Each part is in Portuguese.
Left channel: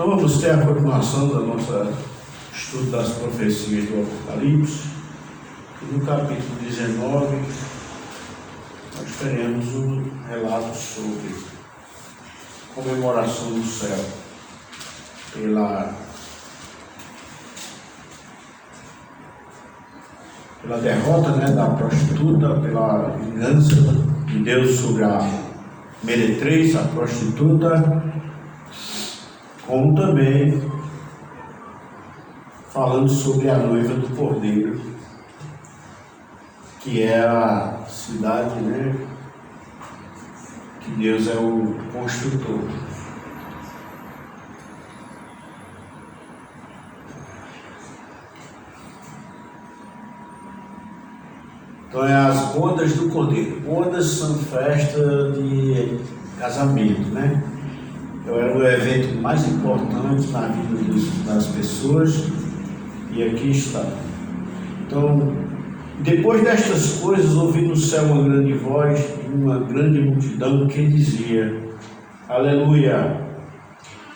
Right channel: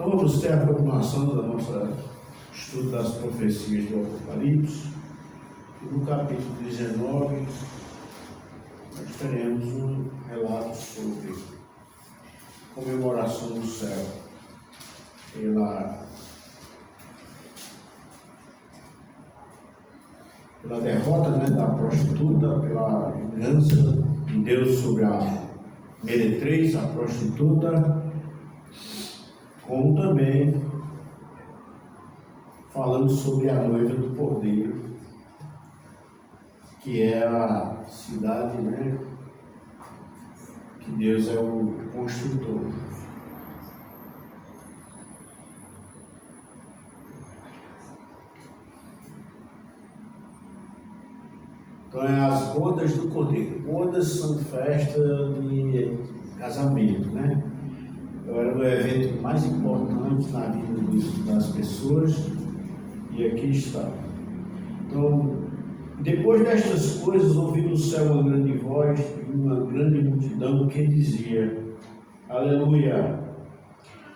Então vamos ter a continuação da nossa estudo das profecias do Apocalipse. E no capítulo 19 nós teremos um relato sobre comemoração do céu pela derrota, da prostituta, pela vingança de Deus sobre a meretriz, a prostituta, como também falando sobre a noiva do Cordeiro, que é a cidade, que Deus é o construtor. Então é as bodas do Cordeiro. Bodas são festas de casamento, Era o evento mais importante na vida das pessoas, e aqui está. Então, depois destas coisas, ouvi no céu uma grande voz e uma grande multidão que dizia: Aleluia!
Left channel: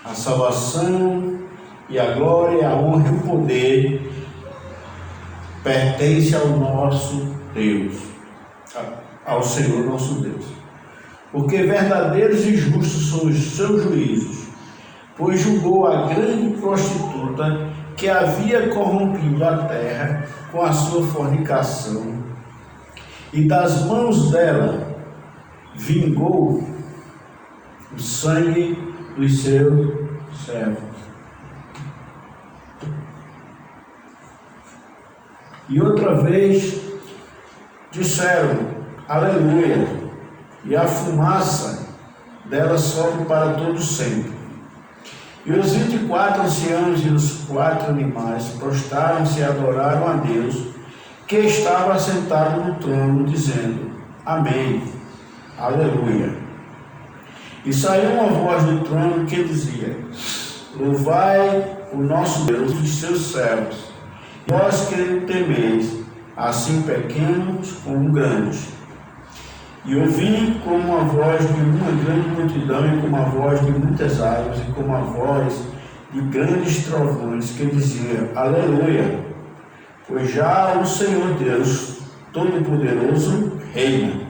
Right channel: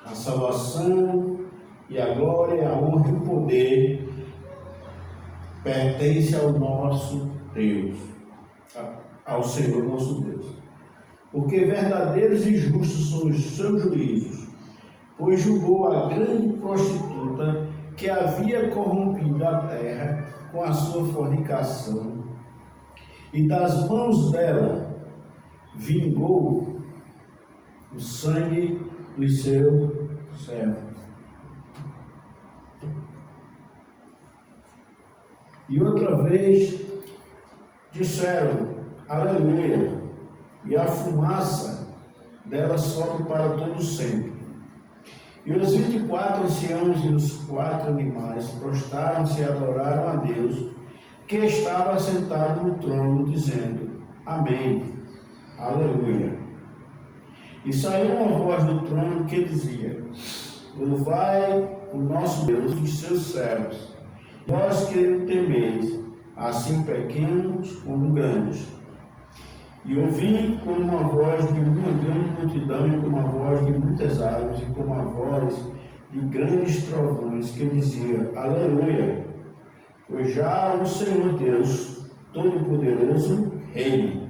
A salvação e a glória, a honra e o poder pertence ao nosso Deus, ao Senhor nosso Deus. Porque verdadeiros e justos são os seus juízos, pois julgou a grande prostituta que havia corrompido a terra com a sua fornicação, e das mãos dela vingou o sangue dos seus servos. E outra vez disseram: Aleluia! E a fumaça dela sobe para todo sempre. E os 24 anciãos e os 4 animais prostraram-se e adoraram a Deus, que estava assentado no trono, dizendo: Amém, Aleluia. E saiu uma voz do trono que dizia: Louvai o nosso Deus e os seus servos, vós que o temeis, assim pequenos como grandes. E ouvi como uma voz de uma grande multidão, e como a voz de muitas águas, e como a voz de grandes trovões, que dizia: Aleluia! Pois já o Senhor Deus Todo-Poderoso reina.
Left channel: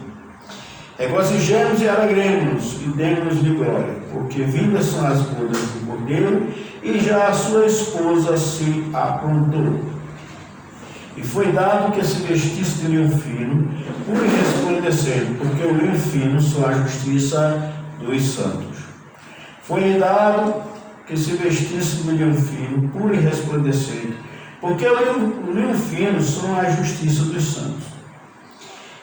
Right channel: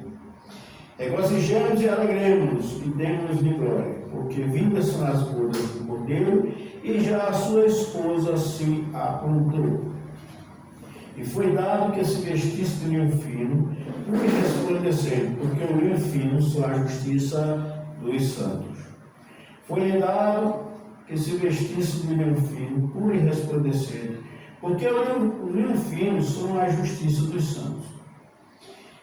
Regozijemos e alegremos-nos, e demos-lhe glória, porque vindas são as bodas do Cordeiro, e já a sua esposa se aprontou. E foi dado que se vestisse de linho fino, puro e resplandecente, porque o linho fino são a justiça dos santos. Foi-lhe dado que se vestisse de linho fino, puro e resplandecente, porque o linho fino são a justiça dos santos.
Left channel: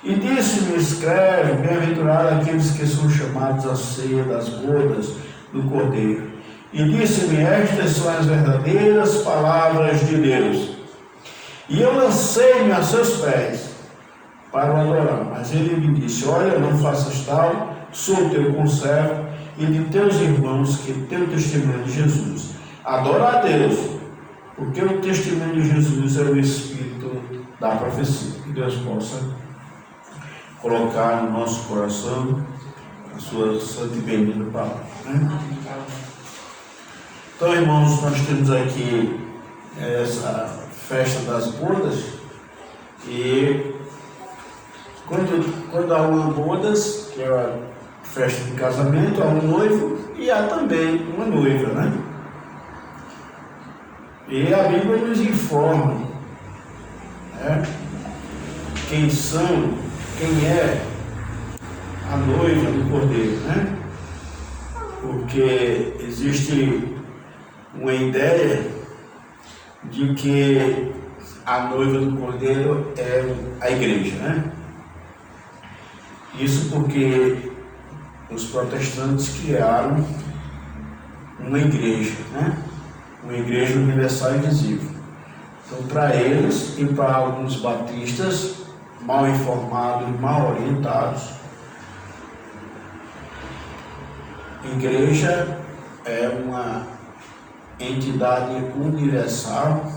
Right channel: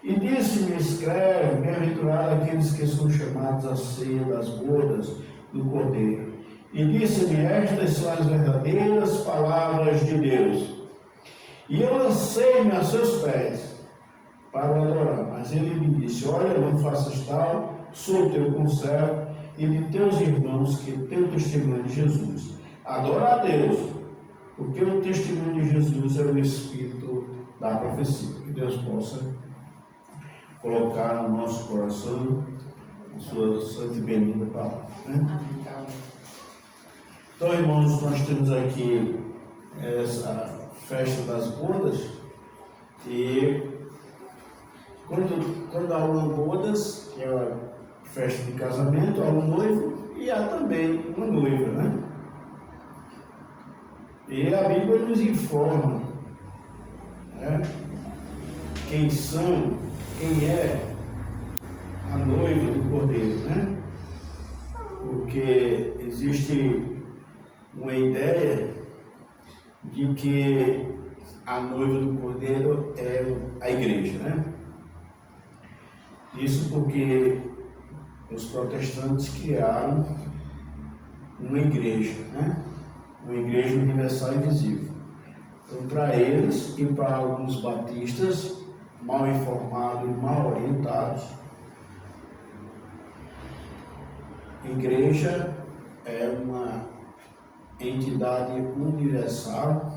E disse-me: Escreve, bem-aventurado aqueles que são chamados à ceia das bodas do Cordeiro. E disse-me: Estas são as verdadeiras palavras de Deus. E eu lancei-me a seus pés para o adorar. Mas ele me disse: Olha, não faças tal, sou teu conservo e de teus irmãos que teu testemunho de Jesus. Adora a Deus, porque o testemunho de Jesus é o espírito da profecia. Que Deus possa colocar no nosso coração a sua santa e bendita palavra. Então, irmãos, nós temos aqui essa festa das bodas, e quando há uma bodas, que é a festa de casamento, há um noivo e há também uma noiva, E a Bíblia nos informa quem é a noiva do Cordeiro, Porque existe uma ideia de que a noiva do Cordeiro é a igreja, Isso porque os protestantes criaram uma igreja, Uma igreja universal e visível. Então, para eles e para alguns batistas mal informados e mal orientados, igreja é uma entidade universal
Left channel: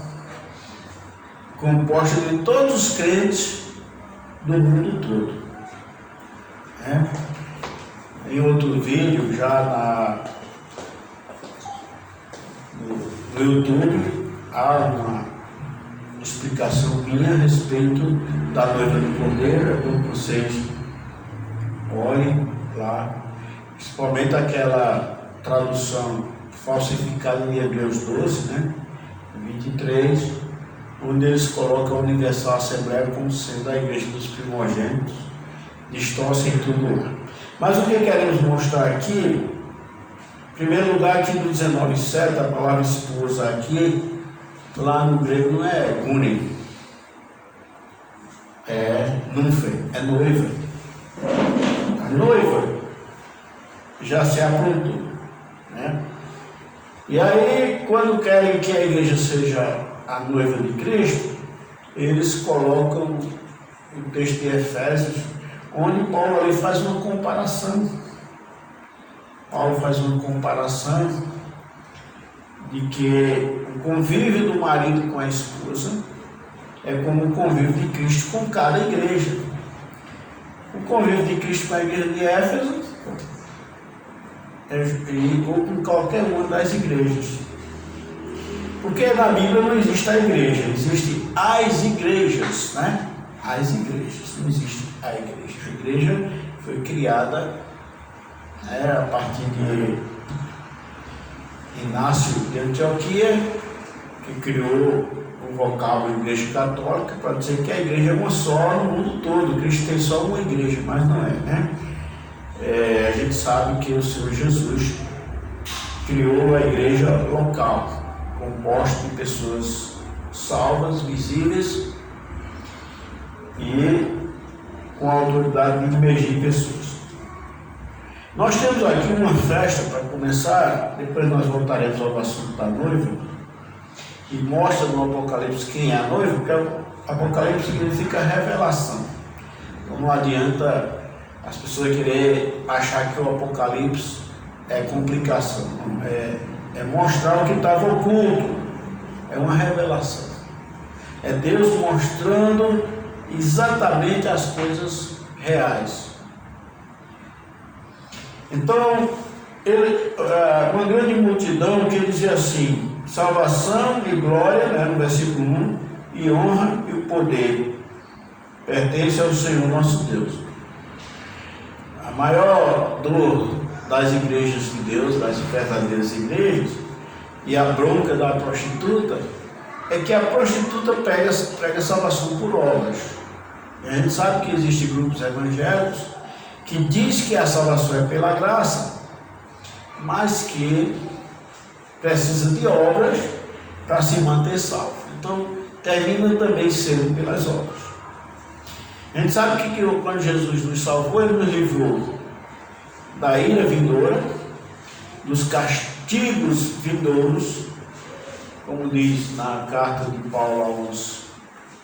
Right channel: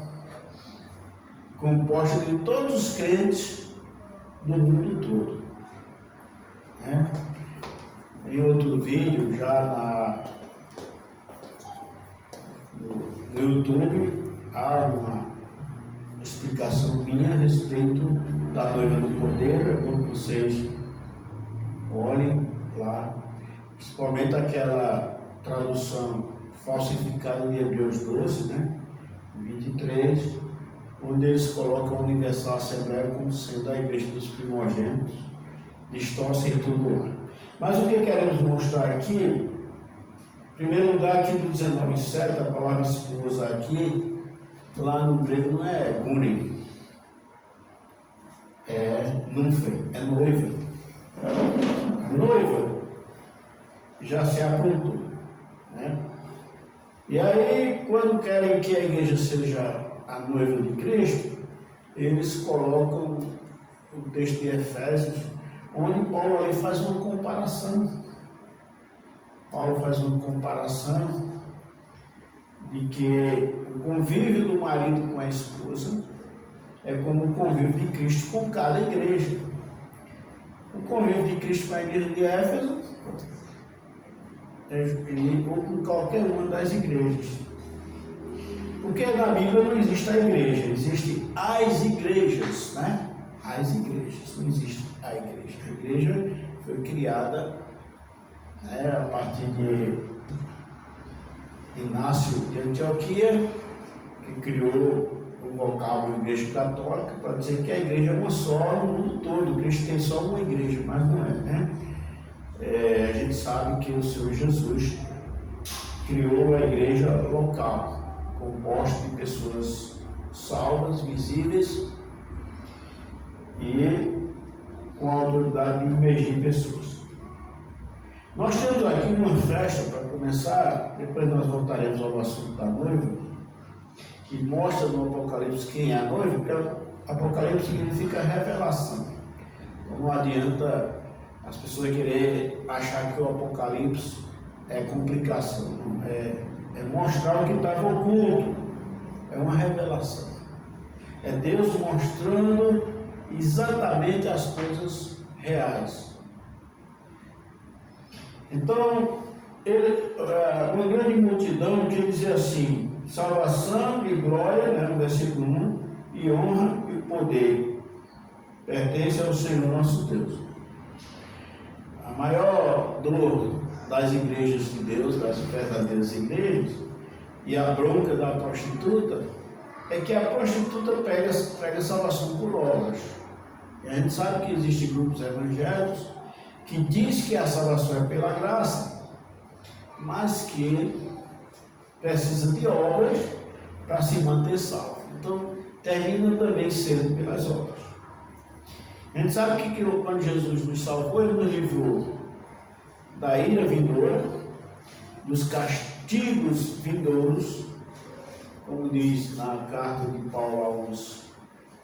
composta de todos os crentes do mundo todo. Em outro vídeo, já no YouTube há uma explicação minha a respeito da noiva do Cordeiro. É bom que vocês olhem lá, principalmente aquela tradução falsificada em Hebreus 12, né? 23, onde eles colocam a Universal Assembleia como sendo a igreja dos primogênitos, distorcem tudo lá. Mas o que queremos mostrar aqui, em primeiro lugar, aqui no 19:7, a palavra esposa aqui, lá no grego não é gunen, é nunfe, é noiva. A noiva já se aprontou, né? E aí, quando querem que a igreja seja a noiva de Cristo, eles colocam o texto de Efésios, onde Paulo ali faz uma comparação. Paulo faz uma comparação de que o convívio do marido com a esposa é como o convívio de Cristo com cada igreja. O convívio de Cristo com a igreja de Éfeso é igual com qualquer uma das igrejas. Porque na Bíblia não existe a igreja, existem as igrejas, né? As igrejas, não existe a igreja. A igreja foi criada, né, a partir de Inácio de Antioquia, que criou o vocábulo Igreja Católica para dizer que a igreja é uma só no mundo todo. Cristo tem só uma igreja, mas não é, né? A gente sabe que o Senhor Jesus criou a igreja local, composta de pessoas salvas, visíveis e com a autoridade de imergir pessoas. Nós temos aqui uma festa para começar, depois nós voltaremos ao assunto da noiva, que mostra no Apocalipse quem é a noiva, porque Apocalipse significa revelação. Então não adianta as pessoas quererem achar que o Apocalipse é complicação, é mostrar o que estava oculto, é uma revelação. É Deus mostrando exatamente as coisas reais. Então, uma grande multidão que dizia assim: salvação e glória, né, no versículo 1, e honra e o poder pertence ao Senhor nosso Deus. A maior dor das igrejas de Deus, das verdadeiras igrejas, e a bronca da prostituta, é que a prostituta prega salvação por obras. E a gente sabe que existem grupos evangélicos que diz que a salvação é pela graça, mas que precisa de obras para se manter salvo. Então, termina também sendo pelas obras. A gente sabe que quando Jesus nos salvou, Ele nos livrou da ira vindoura, dos castigos vindouros, como diz na carta de Paulo aos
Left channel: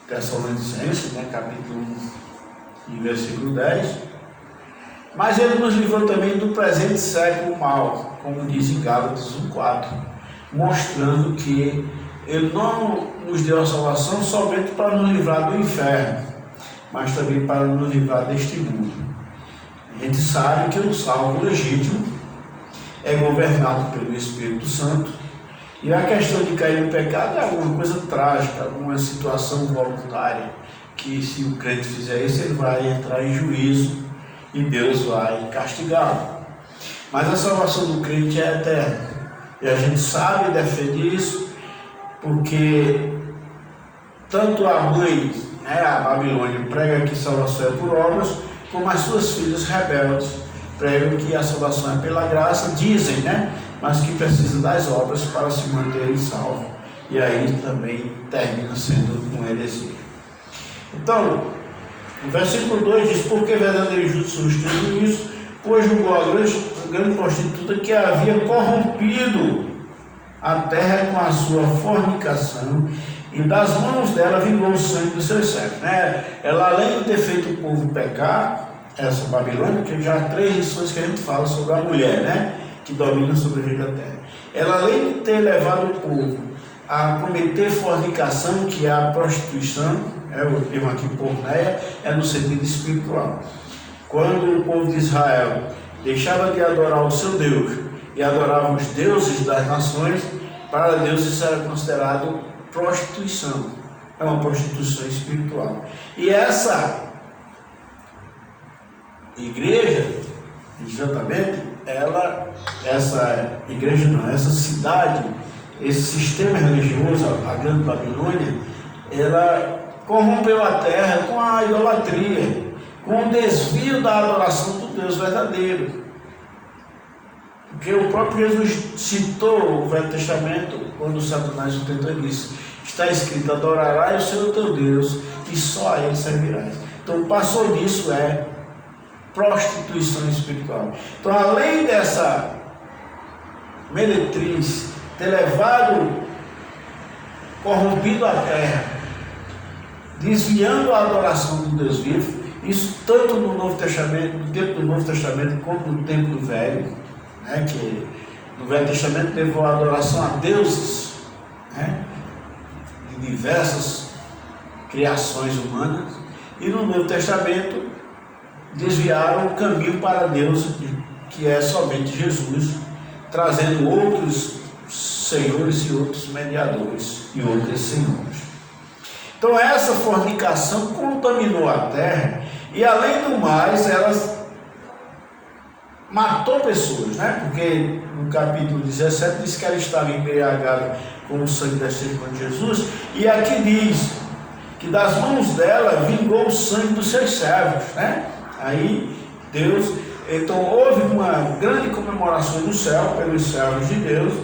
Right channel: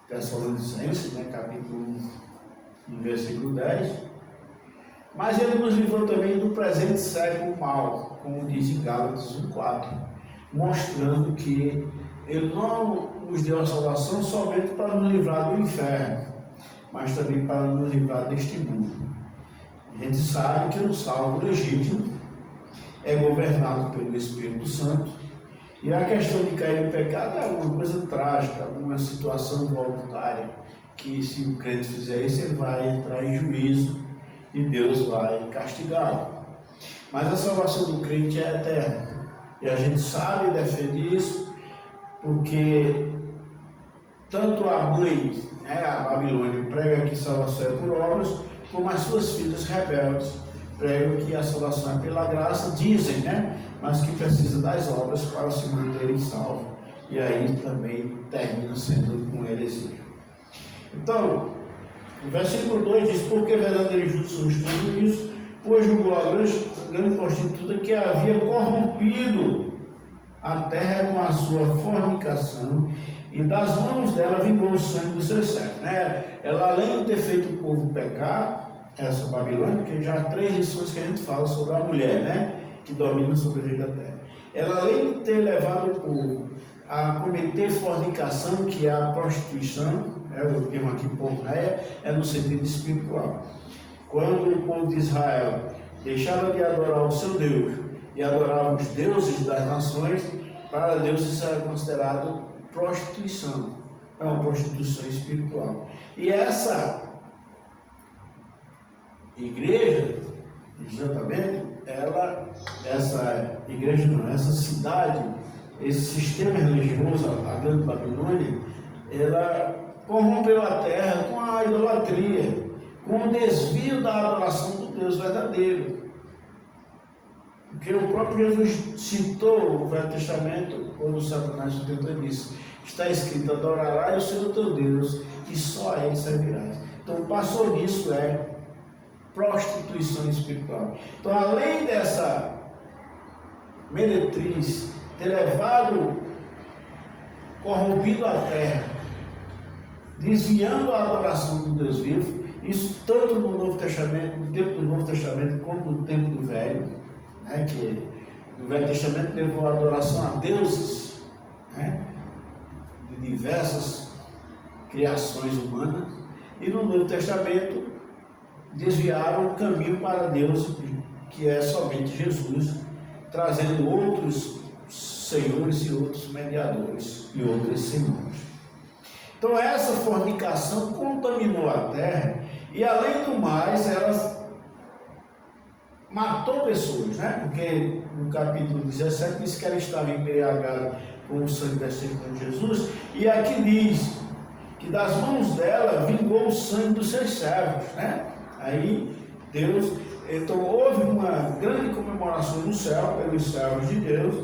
Tessalonicenses, né, capítulo 1, versículo 10. Mas Ele nos livrou também do presente século mal, como diz em Gálatas 1:4, mostrando que Ele não nos deu a salvação somente para nos livrar do inferno, mas também para nos livrar deste mundo. A gente sabe que o salvo legítimo é governado pelo Espírito Santo, e a questão de cair no pecado é alguma coisa trágica, alguma situação voluntária, que se o crente fizer isso, ele vai entrar em juízo e Deus vai castigá-lo. Mas a salvação do crente é eterna, e a gente sabe e defende isso, porque tanto a mãe, né, a Babilônia, prega que salvação é por obras, como as suas filhas rebeldes pregam que a salvação é pela graça, dizem, né, mas que precisa das obras para se manterem salvos. E aí também termina sendo uma heresia. Então, o versículo 2 diz: porque verdadeiro e justo são isso, pois julgou a grande prostituta que havia corrompido a terra com a sua fornicação, e das mãos dela vingou o sangue dos seus servos. Né? Ela, além de ter feito o povo pecar, essa Babilônia, que já há 3 lições que a gente fala sobre a mulher, né, que domina sobre a vida da terra. Ela, além de ter levado o povo a cometer fornicação, que é a prostituição, o termo aqui porneia, é no sentido espiritual. Quando o povo de Israel deixava de adorar o seu Deus e adorava os deuses das nações, para Deus isso era considerado prostituição. É uma prostituição espiritual. E essa igreja, exatamente, essa cidade, esse sistema religioso, a Grande Babilônia, ela corrompeu a terra com a idolatria, com o desvio da adoração do Deus verdadeiro. Porque o próprio Jesus citou o Velho Testamento quando Satanás o tenta disse: está escrito, adorarás o Senhor teu Deus e só a Ele servirás. Então, passou disso é prostituição espiritual. Então, além dessa meretriz ter levado, corrompido a terra, desviando a adoração do Deus vivo, isso tanto no Novo Testamento, no tempo do Novo Testamento, como no tempo do Velho, né, que no Velho Testamento levou a adoração a deuses, né, de diversas criações humanas, e no Novo Testamento desviaram o caminho para Deus, que é somente Jesus, trazendo outros senhores e outros mediadores e outros senhores. Então essa fornicação contaminou a terra e, além do mais, ela matou pessoas, né? Porque no capítulo 17 diz que ela estava embriagada com o sangue descendo de Jesus, e aqui diz que das mãos dela vingou o sangue dos seus servos, né? Aí Deus, então houve uma grande comemoração no céu pelos servos de Deus,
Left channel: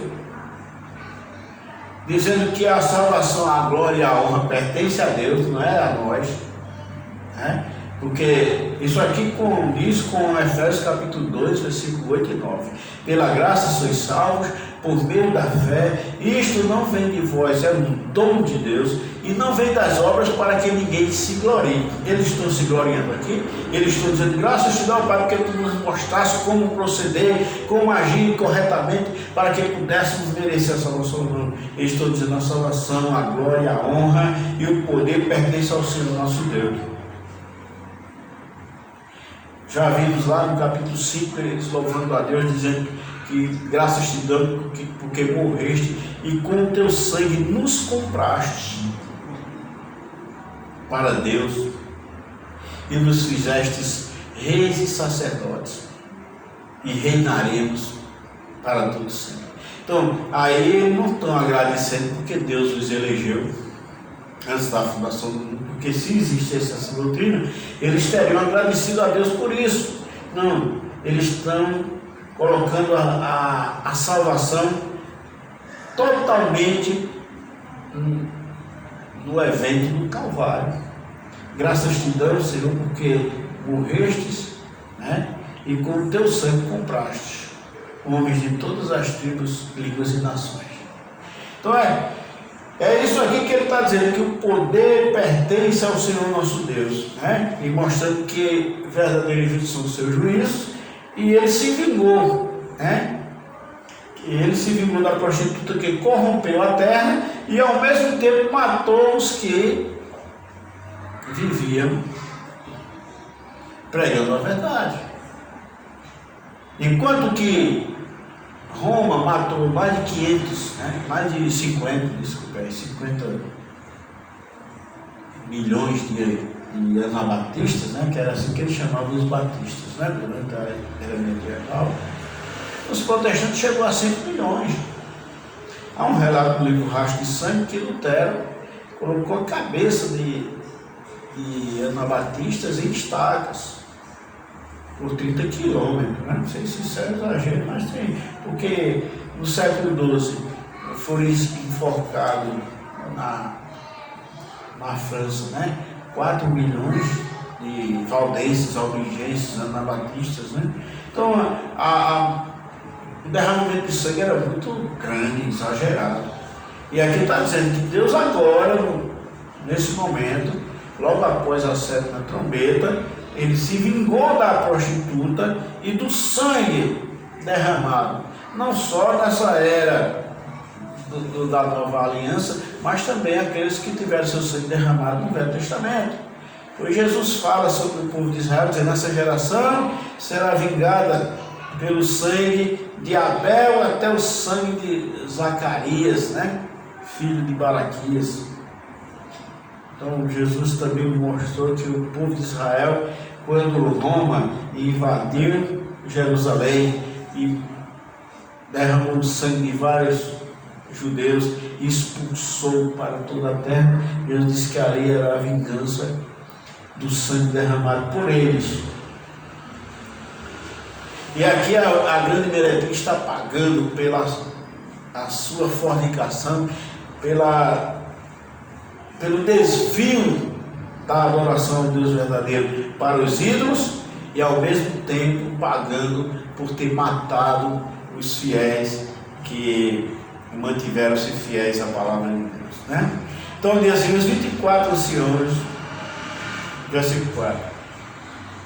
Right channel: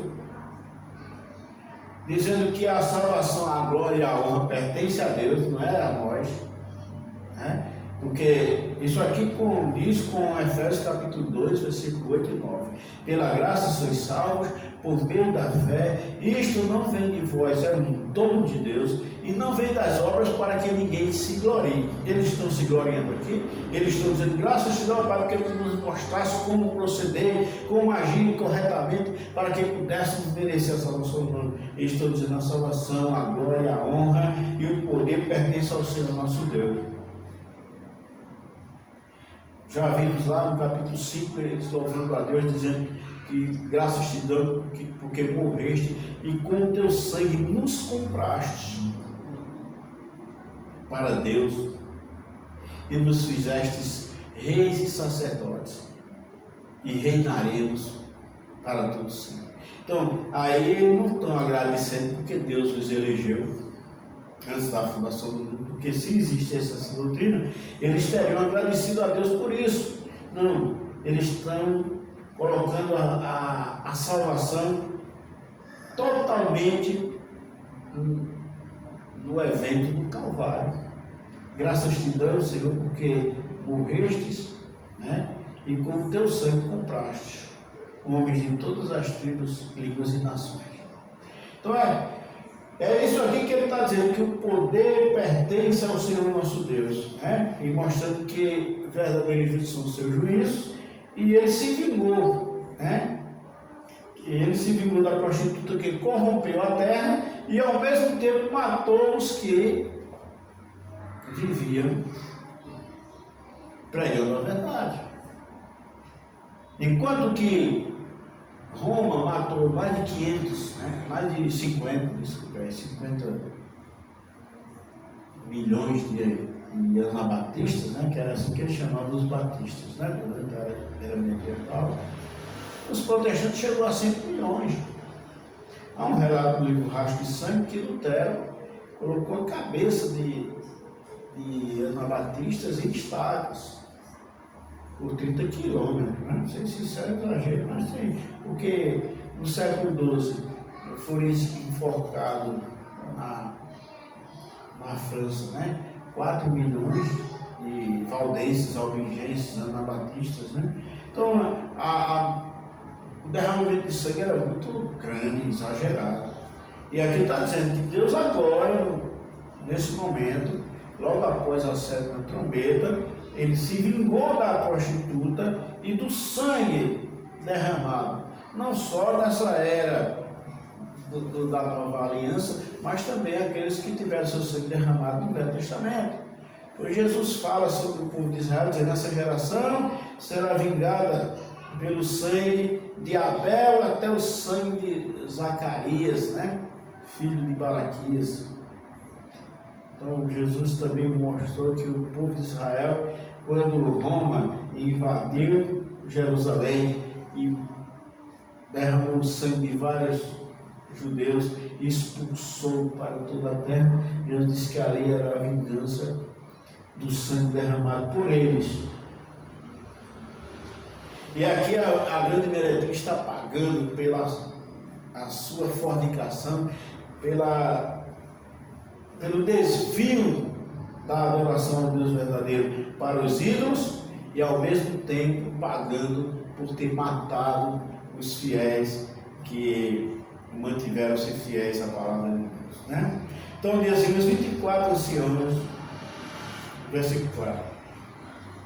dizendo que a salvação, a glória e a honra pertence a Deus, não é a nós, né? Porque isso aqui diz com Efésios capítulo 2, versículo 8 e 9. Pela graça sois salvos, por meio da fé. Isto não vem de vós, é um dom de Deus, e não vem das obras para que ninguém se glorie. Eles estão se gloriando aqui, eles estão dizendo: graças te dá, Pai, porque tu nos mostraste como proceder, como agir corretamente, para que pudéssemos merecer a salvação. Não. Eles estão dizendo: a salvação, a glória, a honra e o poder pertence ao Senhor nosso Deus. Já vimos lá no capítulo 5, eles louvando a Deus, dizendo que graças te damos porque morreste e com o teu sangue nos compraste para Deus e nos fizestes reis e sacerdotes e reinaremos para todo sempre. Então, aí eles não estão agradecendo porque Deus os elegeu antes da fundação do mundo, porque se existisse essa doutrina, eles teriam agradecido a Deus por isso. Não, eles estão colocando a salvação totalmente no evento do Calvário. Graças te damos, Senhor, porque morrestes, né, e com o teu sangue compraste homens de todas as tribos, línguas e nações. Então é isso aqui que ele está dizendo, que o poder pertence ao Senhor nosso Deus, né? E mostrando que verdadeiros são os seus juízos, e ele se vingou, né? Ele se vingou da prostituta que corrompeu a terra e ao mesmo tempo matou os que viviam pregando a verdade. Enquanto que Roma matou mais de 500, né? Mais de 50 milhões de anabatistas, né? Que era assim que eles chamavam os batistas, né? Durante a era medieval. Os protestantes chegou a 5 milhões. Há um relato no livro Rastro de Sangue que Lutero colocou a cabeça de anabatistas em estacas por 30 quilômetros, né? Não sei se isso é exagero, mas tem, porque no século XII foram enforcados na França, né? 4 milhões de valdenses, albigenses, anabatistas, né? Então o derramamento de sangue era muito grande, exagerado. E aqui está dizendo que Deus agora, nesse momento, logo após a 7ª trombeta, ele se vingou da prostituta e do sangue derramado, não só nessa era da nova aliança, mas também aqueles que tiveram seu sangue derramado no Velho Testamento. Pois Jesus fala sobre o povo de Israel, dizendo: essa geração será vingada pelo sangue de Abel até o sangue de Zacarias, né? Filho de Baraquias. Então Jesus também mostrou que o povo de Israel, quando Roma invadiu Jerusalém e derramou o sangue de vários judeus e expulsou para toda a terra, Jesus disse que ali era a vingança do sangue derramado por eles. E aqui a grande meretriz está pagando pela a sua fornicação, pelo desvio da adoração ao Deus verdadeiro para os ídolos, e ao mesmo tempo pagando por ter matado os fiéis que mantiveram-se fiéis à palavra de Deus, né? Então diz assim, os 24 anciãos, versículo 4,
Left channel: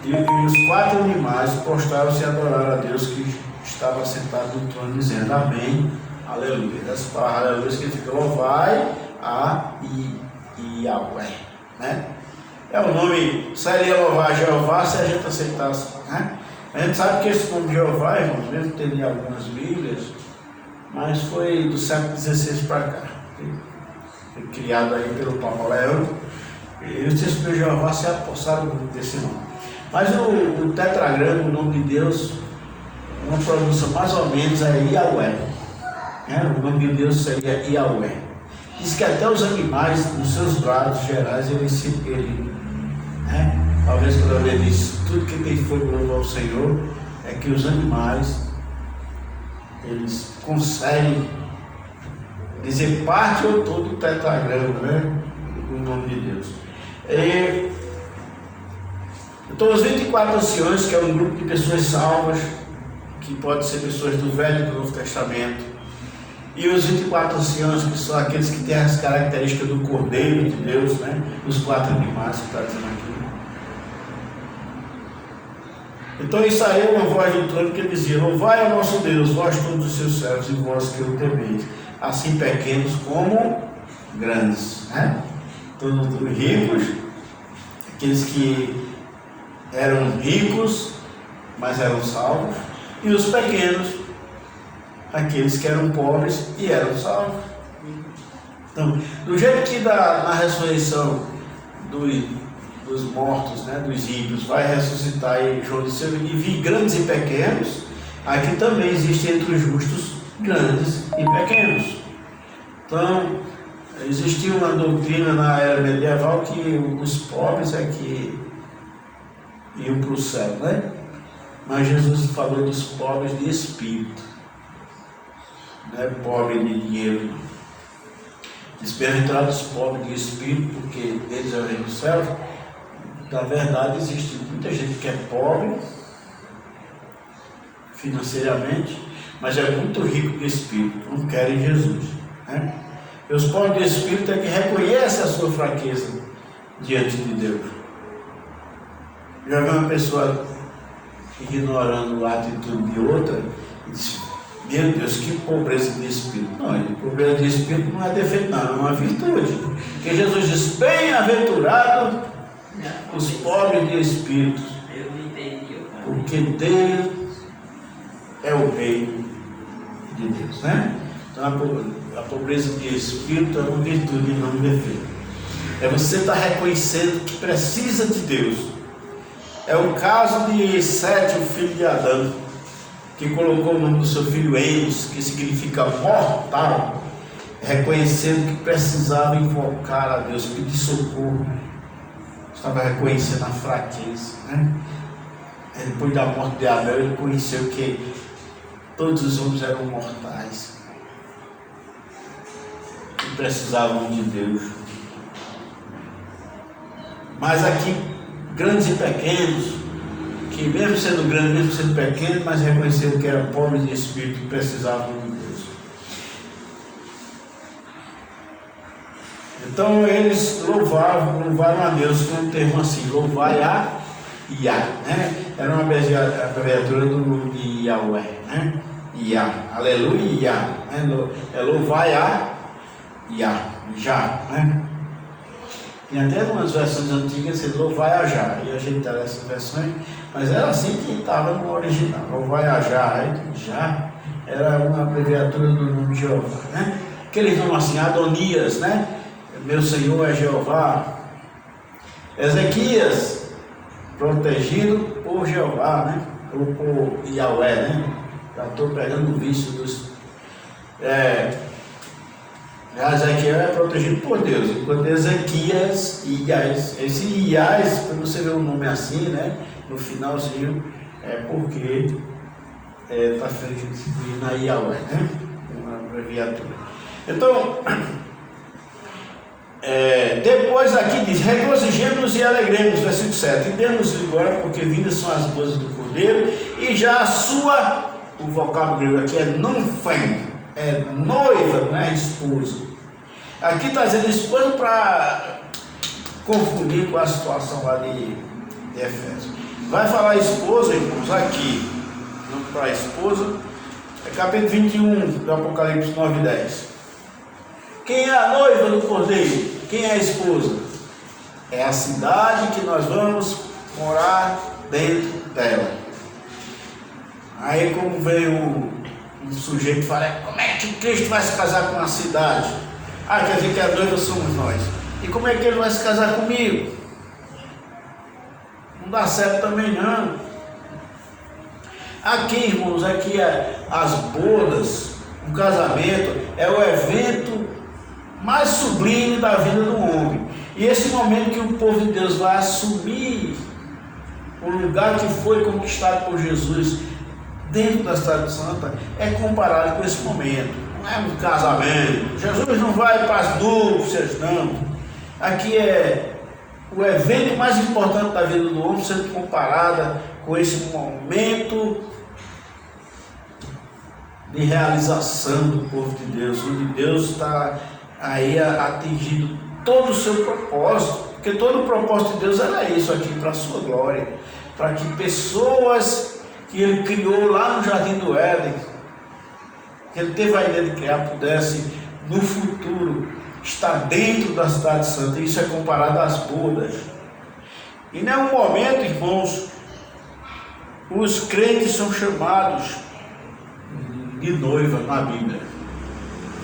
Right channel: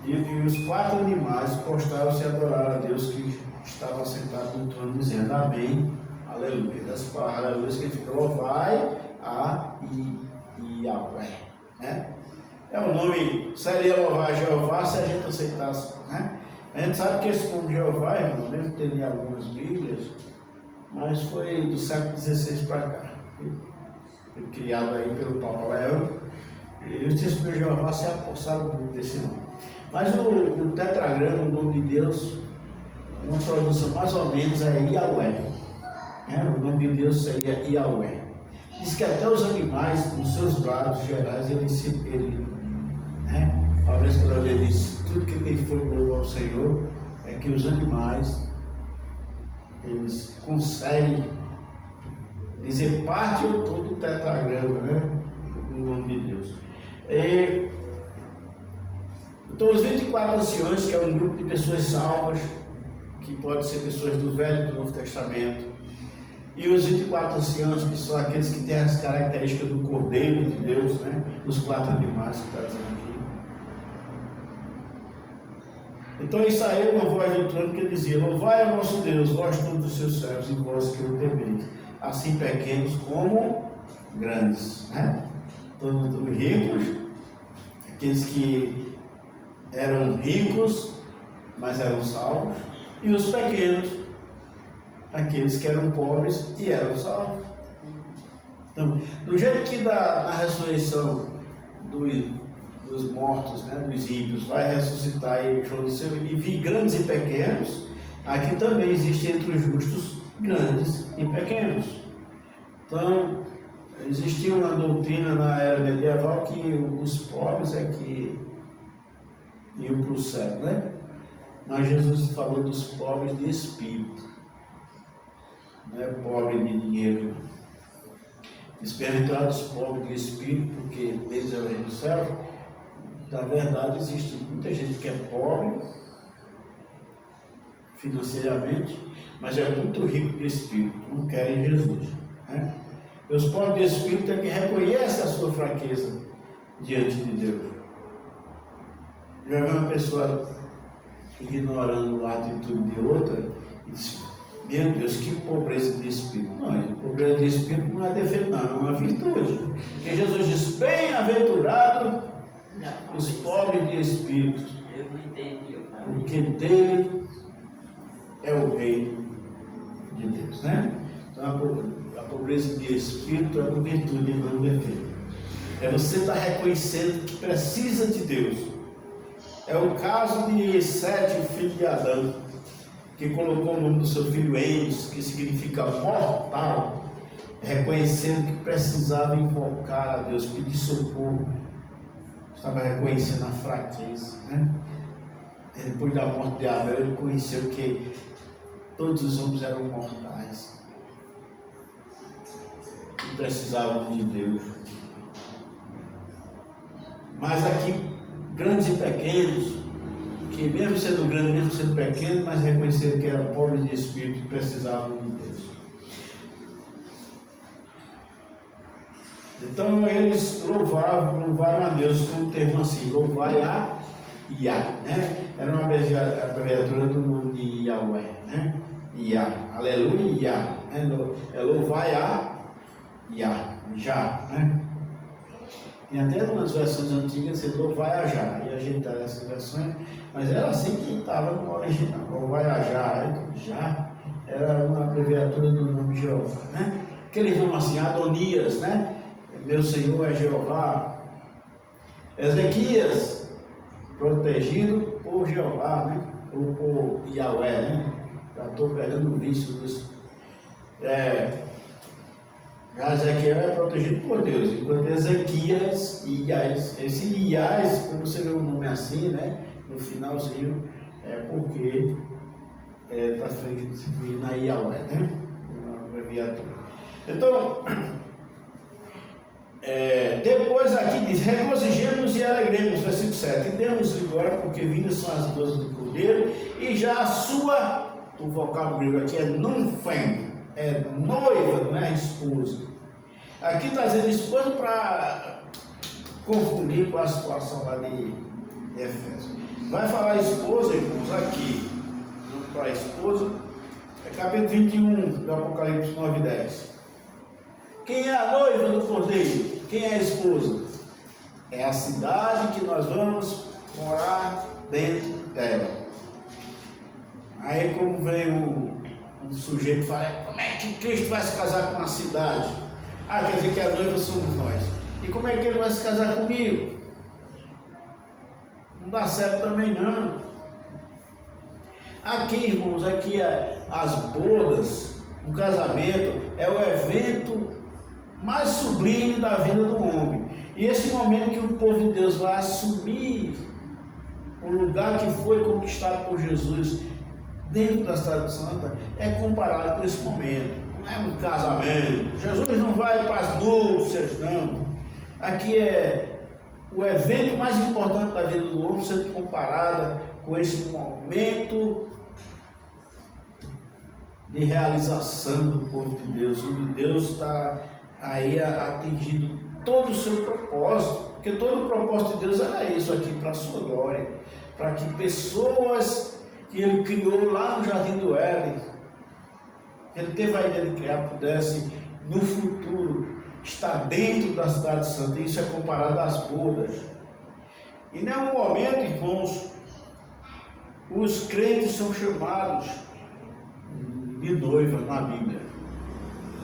e os 4 animais prostraram-se e adoraram a Deus que estava sentado no trono, dizendo amém, aleluia. Essa palavra aleluia significa louvai a Yahweh, né? É o nome, seria louvar Jeová se a gente aceitasse, né? A gente sabe que esse nome Jeová, irmãos, mesmo tendo em algumas Bíblias, mas foi do século XVI para cá, foi criado aí pelo Papa Leão, e os textos de Jeová se apossaram desse nome. Mas o tetragrama, o nome de Deus, uma pronúncia mais ou menos é Yahweh, né? O nome de Deus seria Yahweh. Diz que até os animais, nos seus grados gerais, né? Talvez quando ele diz tudo que tem fogo louva ao Senhor, é que os animais, eles conseguem dizer parte ou todo o tetragrama, né? O nome de Deus. Então os 24 anciões, que é um grupo de pessoas salvas, que pode ser pessoas do Velho e do Novo Testamento, e os 24 anciãos, que são aqueles que têm as características do Cordeiro de Deus, né? Os 4 animais que está dizendo aqui. Então isso aí é uma voz do trono que dizia: louvai ao nosso Deus, vós todos os seus servos e vós que o temeis, assim pequenos como grandes, né? Todos os ricos, aqueles que eram ricos, mas eram salvos, e os pequenos, aqueles que eram pobres e eram salvos. Então, do jeito que na ressurreição dos mortos, né, dos ímpios, vai ressuscitar em João de Seu, e vi grandes e pequenos, aqui também existe entre os justos grandes e pequenos. Então, existia uma doutrina na era medieval que os pobres é que iam para o céu, né? Mas Jesus falou dos pobres de espírito, não é pobre de dinheiro. Bem-aventurados pobres de espírito, porque eles é o reino do céu. Na verdade, existe muita gente que é pobre financeiramente, mas é muito rico de espírito, não querem Jesus, né? E os pobres de espírito é que reconhecem a sua fraqueza diante de Deus. Já vi uma pessoa ignorando a atitude de outra e disse: meu Deus, que pobreza de espírito. Não, pobreza de espírito não é defeito, não, é uma virtude. Porque Jesus diz: bem-aventurado os pobres de espírito, porque dele é o reino de Deus, né? Então a pobreza de espírito é uma virtude e não um defeito. É você estar reconhecendo que precisa de Deus. É o caso de Sete, o filho de Adão, que colocou o nome do seu filho Enos, que significa mortal, reconhecendo que precisava invocar a Deus, pedir socorro. Estava reconhecendo a fraqueza, né? Depois da morte de Abel, ele conheceu que todos os homens eram mortais e precisavam de Deus. Mas aqui, grandes e pequenos, que mesmo sendo grandes, mesmo sendo pequenos, mas reconhecendo que eram pobres de espírito e precisavam de Deus. Então eles louvaram a Deus com um termo assim: louvai a Yah, né? Era uma abreviatura do nome de Yahweh, né? Yah, aleluia, Yah, né? É louvai a Yah, já, né? Tem até umas versões antigas que Louvaiajar, e a gente dá essas versões, mas era assim que estava no original. Louvaiajar, já era uma abreviatura do nome de Jeová, né? Aqueles nomes assim, Adonias, né? Meu Senhor é Jeová. Ezequias, protegido por Jeová, né? Ou por Yahweh, né? Já estou pegando o vício dos. Ezequiel é protegido por Deus, enquanto Ezequias, Iás, esse Iás, quando você vê o nome assim, né? No finalzinho, é porque está substituindo a Yahweh, né? Uma abreviatura. Então, depois aqui diz: regozijemos e alegremos, versículo 7. E demos glória, porque vindas são as bodas do Cordeiro, e já a sua, o vocábulo grego aqui é nunfen, é noiva, não é esposa. Aqui está dizendo esposa para confundir com a situação lá de Efésios. Vai falar esposa, irmãos, aqui, não para esposa, é capítulo 21 do Apocalipse 9 e 10. Quem é a noiva do Cordeiro? Quem é a esposa? É a cidade que nós vamos morar dentro dela. Aí como veio um sujeito e fala: como é que Cristo vai se casar com a cidade? Ah, quer dizer que a noiva somos nós. E como é que ele vai se casar comigo? Não dá certo também não. Aqui, irmãos, aqui as bodas, o casamento é o evento mais sublime da vida do homem. E esse momento que o povo de Deus vai assumir o lugar que foi conquistado por Jesus dentro da cidade santa é comparado com esse momento. Não é um casamento. Jesus não vai para as núpcias, não. Aqui é o evento mais importante da vida do homem sendo comparada com esse momento de realização do povo de Deus, onde Deus está aí atingindo todo o seu propósito, porque todo o propósito de Deus era isso aqui, para a sua glória, para que pessoas que Ele criou lá no Jardim do Éden, que Ele teve a ideia de criar, pudesse no futuro estar dentro da cidade santa. Isso é comparado às bodas. E em nenhum momento, irmãos, os crentes são chamados de noiva na Bíblia,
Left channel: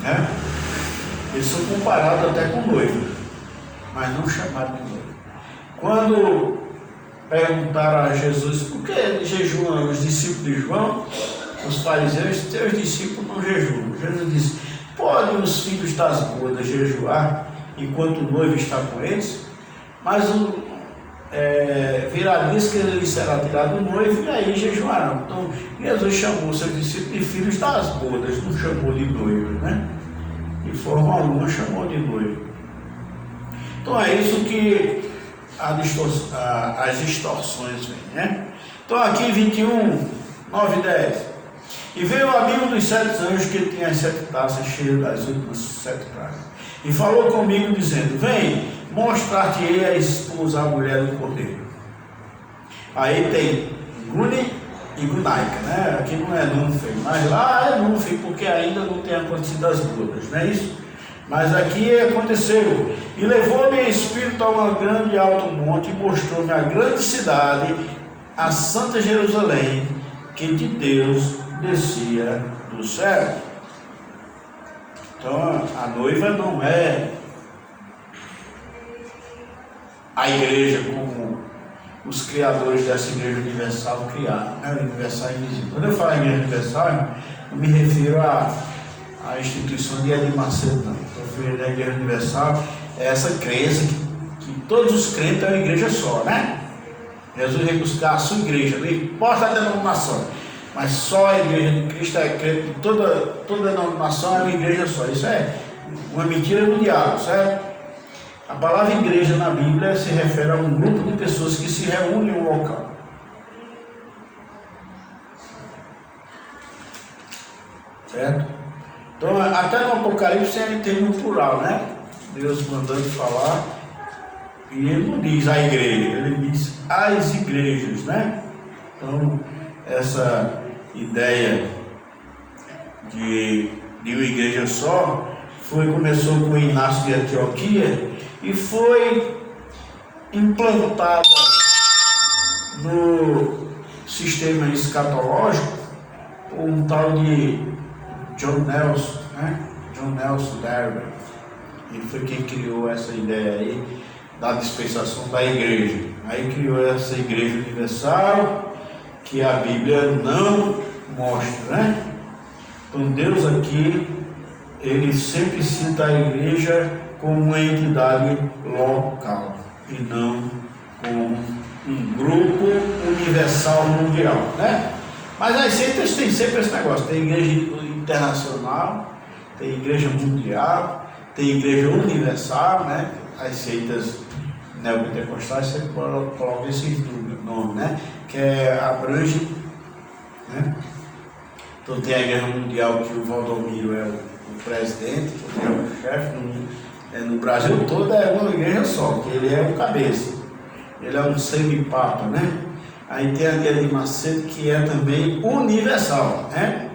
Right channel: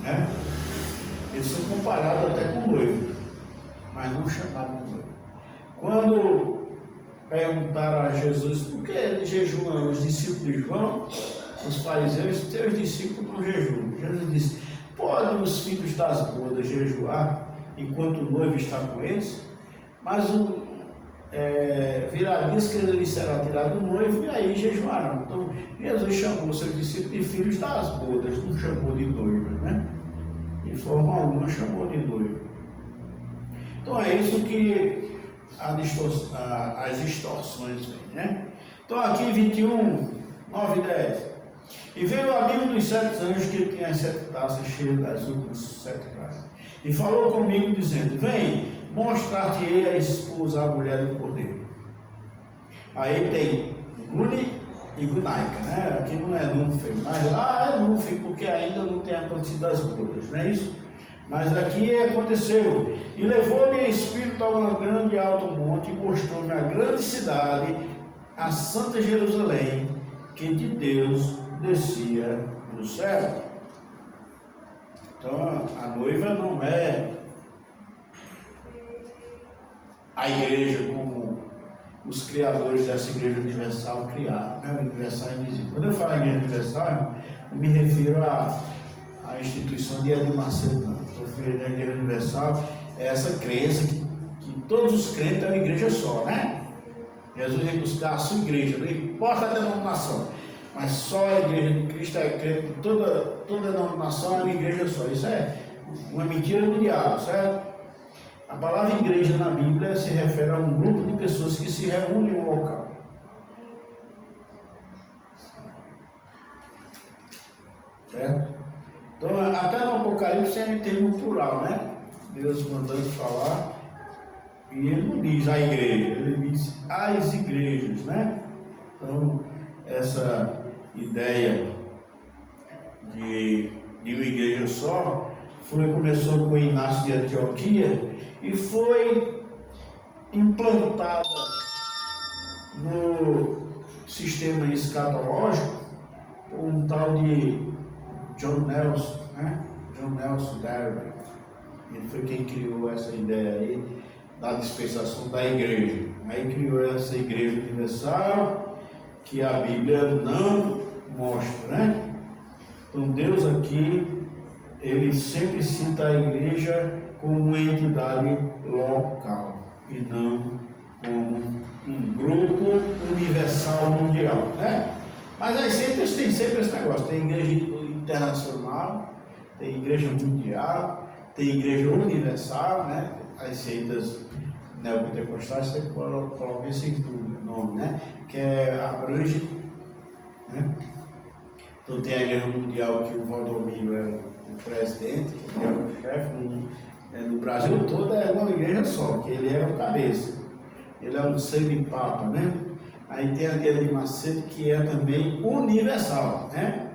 né? Eles são comparados até com noiva, mas não chamados de noiva. Quando perguntaram a Jesus por que jejuam os discípulos de João, os fariseus: teus discípulos não jejuam. Jesus disse: podem os filhos das bodas jejuar enquanto o noivo está com eles? Mas virá diz que ele será tirado o noivo e aí jejuarão. Então Jesus chamou seus discípulos de filhos das bodas, não chamou de noivos, né? De forma alguma chamou de noivo. Então é isso que as distorções vêm, né? Então aqui 21, 9 e 10. E veio o amigo dos 7 anjos que tinha as 7 taças cheias das últimas 7 pragas, e falou comigo dizendo: vem, mostrar-te-ei a esposa, a mulher do Cordeiro. Aí tem Gune e Gunaika, né? Aqui não é Nunfen, mas lá é Nunfen, porque ainda não tem acontecido as bodas, não é isso? Mas aqui aconteceu. E levou-me espírito a um grande e alto monte, e mostrou-me a grande cidade, a Santa Jerusalém, que de Deus descia do céu. Então a noiva não é a igreja como os criadores dessa igreja universal criaram, né? Universal invisível. Quando eu falo igreja universal, eu me refiro à instituição de Edir Macedo, não. Estou referindo à igreja universal, é essa crença que todos os crentes é uma igreja só, né? Jesus veio buscar a sua igreja, não importa a denominação, mas só a igreja de Cristo é crente, toda denominação é uma igreja só. Isso é uma mentira do diabo, certo? A palavra igreja na Bíblia se refere a um grupo de pessoas que se reúnem em um local. Certo? Então, até no Apocalipse ele tem no plural, né? Deus mandando falar, e ele não diz a igreja, ele diz as igrejas, né? Então, essa ideia de uma igreja só começou com Inácio de Antioquia, e foi implantada no sistema escatológico por um tal de John Nelson, né? John Nelson Darby. Ele foi quem criou essa ideia aí da dispensação da igreja. Aí criou essa igreja universal que a Bíblia não mostra, né? Então Deus aqui, ele sempre cita a igreja como uma entidade local e não como um grupo universal mundial, né? Mas as seitas têm sempre esse negócio, tem igreja internacional, tem igreja mundial, tem igreja universal, né? As seitas neopentecostais sempre colocam esses nomes, né? Que abrange, né? Então tem a igreja mundial que o Valdomiro é o presidente, que é o chefe, no Brasil todo é uma igreja só, que ele é o cabeça, ele é um semi-papa, né? Aí tem a igreja de Macedo, que é também universal, né?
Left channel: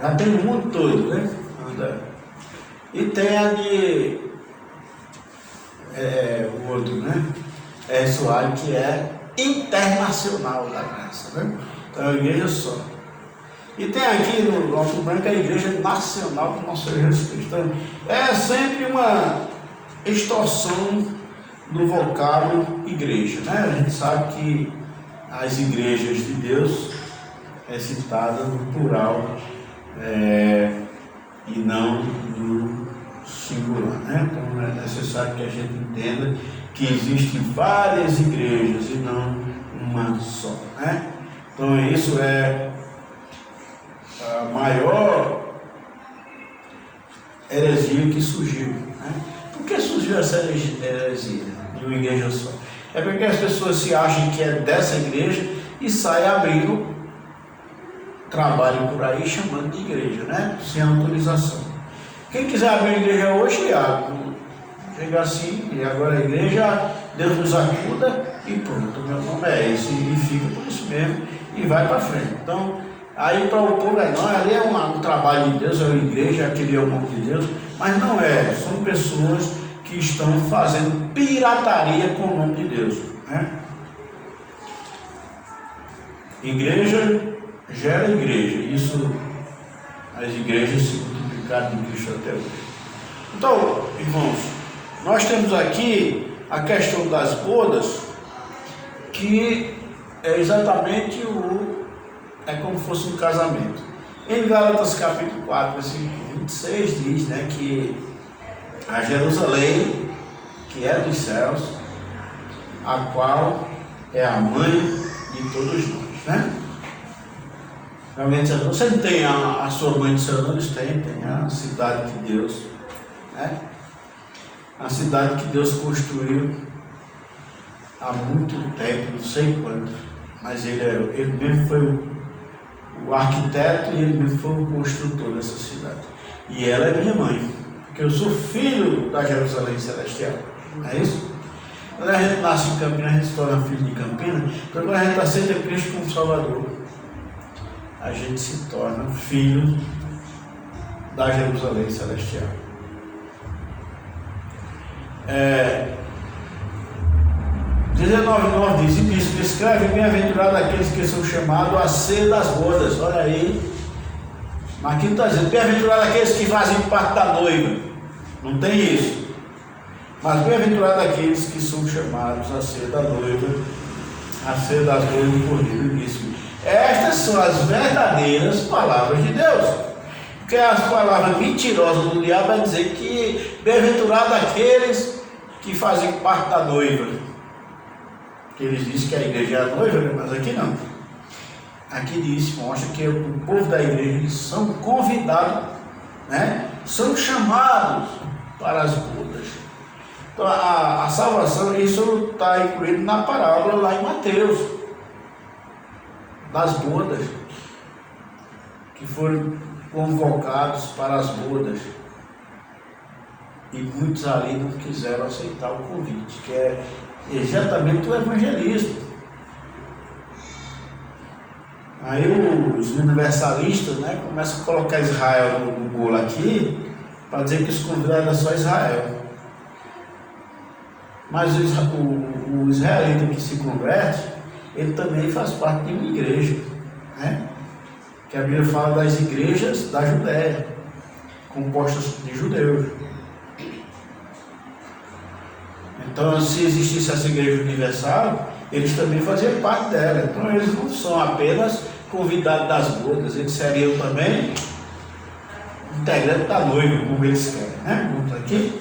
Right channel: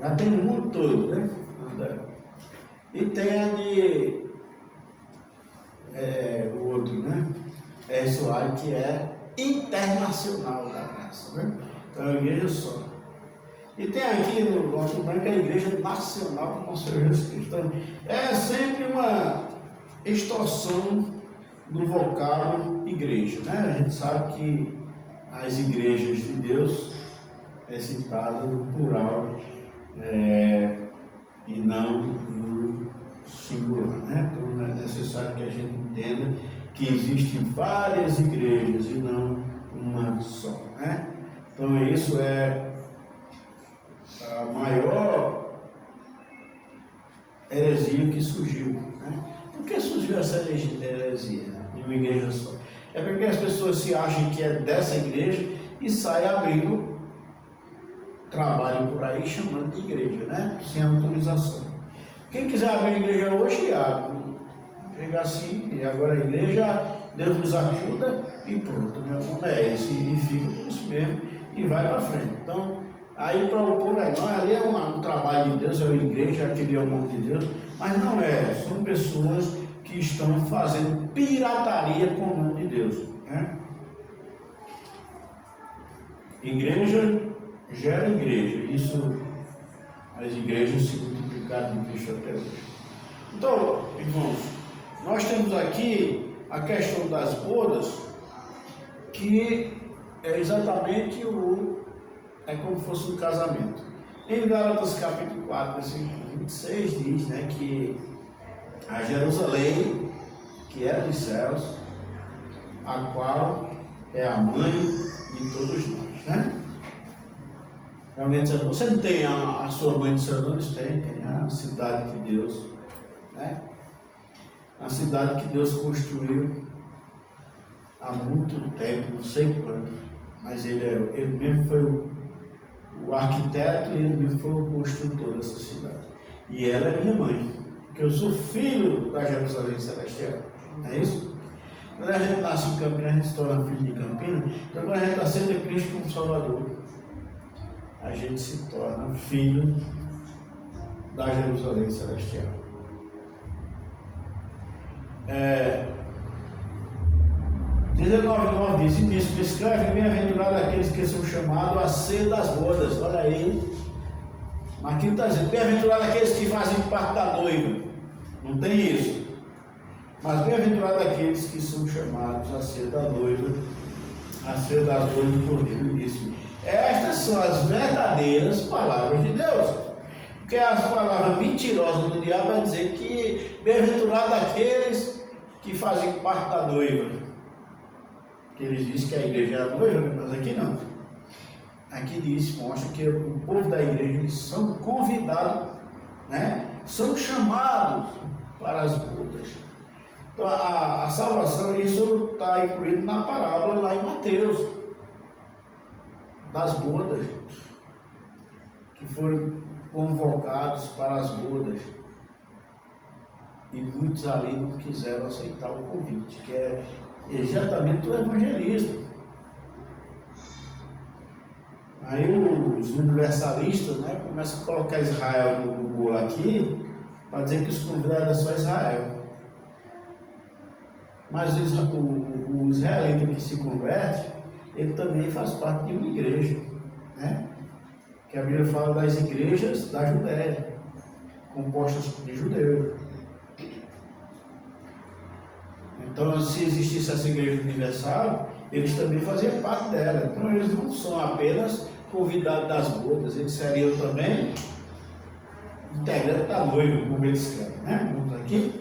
Já tem o mundo todo, né? E tem a de o outro, né? Soares, que é internacional da graça, né? Então é uma igreja só. E tem aqui no Alto Branco a Igreja Nacional do Nosso Senhor Jesus Cristo. Então, é sempre uma extorsão do vocábulo igreja, né? A gente sabe que as igrejas de Deus é citada no plural e não no singular, né? Então é necessário que a gente entenda que existem várias igrejas e não uma só, né? Então isso é a maior heresia que surgiu, né? Por que surgiu essa heresia de uma igreja só? É porque as pessoas se acham que é dessa igreja e saem abrindo trabalho por aí chamando de igreja, né? Sem autorização. Quem quiser abrir a igreja hoje, abre. Chega assim, e agora a igreja, Deus nos ajuda e pronto, meu nome é esse, e fica por isso mesmo e vai para frente. Então, aí para o povo não, ali é um trabalho de Deus, é uma igreja, aquele é o nome de Deus, mas não é, são pessoas que estão fazendo pirataria com o nome de Deus, né? Igreja gera igreja, isso as igrejas se multiplicaram em Cristo até hoje. Então, irmãos, nós temos aqui a questão das bodas, que é exatamente é como se fosse um casamento. Em Gálatas capítulo 4, versículo 26 diz, né, que a Jerusalém, que é dos céus, a qual é a mãe de todos nós, né? Realmente, você não tem a sua mãe dos seus olhos? Tem a cidade de Deus, né? A cidade que Deus construiu há muito tempo, não sei quanto, mas ele mesmo foi o arquiteto e ele mesmo foi o construtor dessa cidade. E ela é minha mãe, porque eu sou filho da Jerusalém Celestial, não é isso? Quando a gente nasce em Campinas, a gente se torna filho de Campinas, então quando a gente aceita Cristo como Salvador, a gente se torna filho da Jerusalém Celestial. 19:9 diz, e isso escreve, bem-aventurado aqueles que são chamados a ser das bodas. Olha aí, mas aqui não está dizendo, bem-aventurado aqueles que fazem parte da noiva, não tem isso, mas bem-aventurado aqueles que são chamados a ser da noiva, a ser das bodas do Cordeiro. Isso. Estas são as verdadeiras palavras de Deus, porque as palavras mentirosas do diabo é dizer que bem-aventurado aqueles que fazem parte da noiva. Eles dizem que a igreja é a noiva, mas aqui não. Aqui diz, mostra que o povo da igreja, eles são convidados, né? São chamados para as bodas. Então a salvação, isso está incluído na parábola lá em Mateus, das bodas, que foram convocados para as bodas. E muitos ali não quiseram aceitar o convite, que é exatamente o evangelismo. Aí os universalistas, né, começam a colocar Israel no bolo aqui, para dizer que os convidados é só Israel. Mas o israelita que se converte, ele também faz parte de uma igreja, né? Que a Bíblia fala das igrejas da Judéia, compostas de judeus. Então, se existisse essa igreja universal, eles também faziam parte dela. Então, eles não são apenas convidados das bodas, eles seriam também integrantes da noiva, como eles querem, né? Vamos aqui.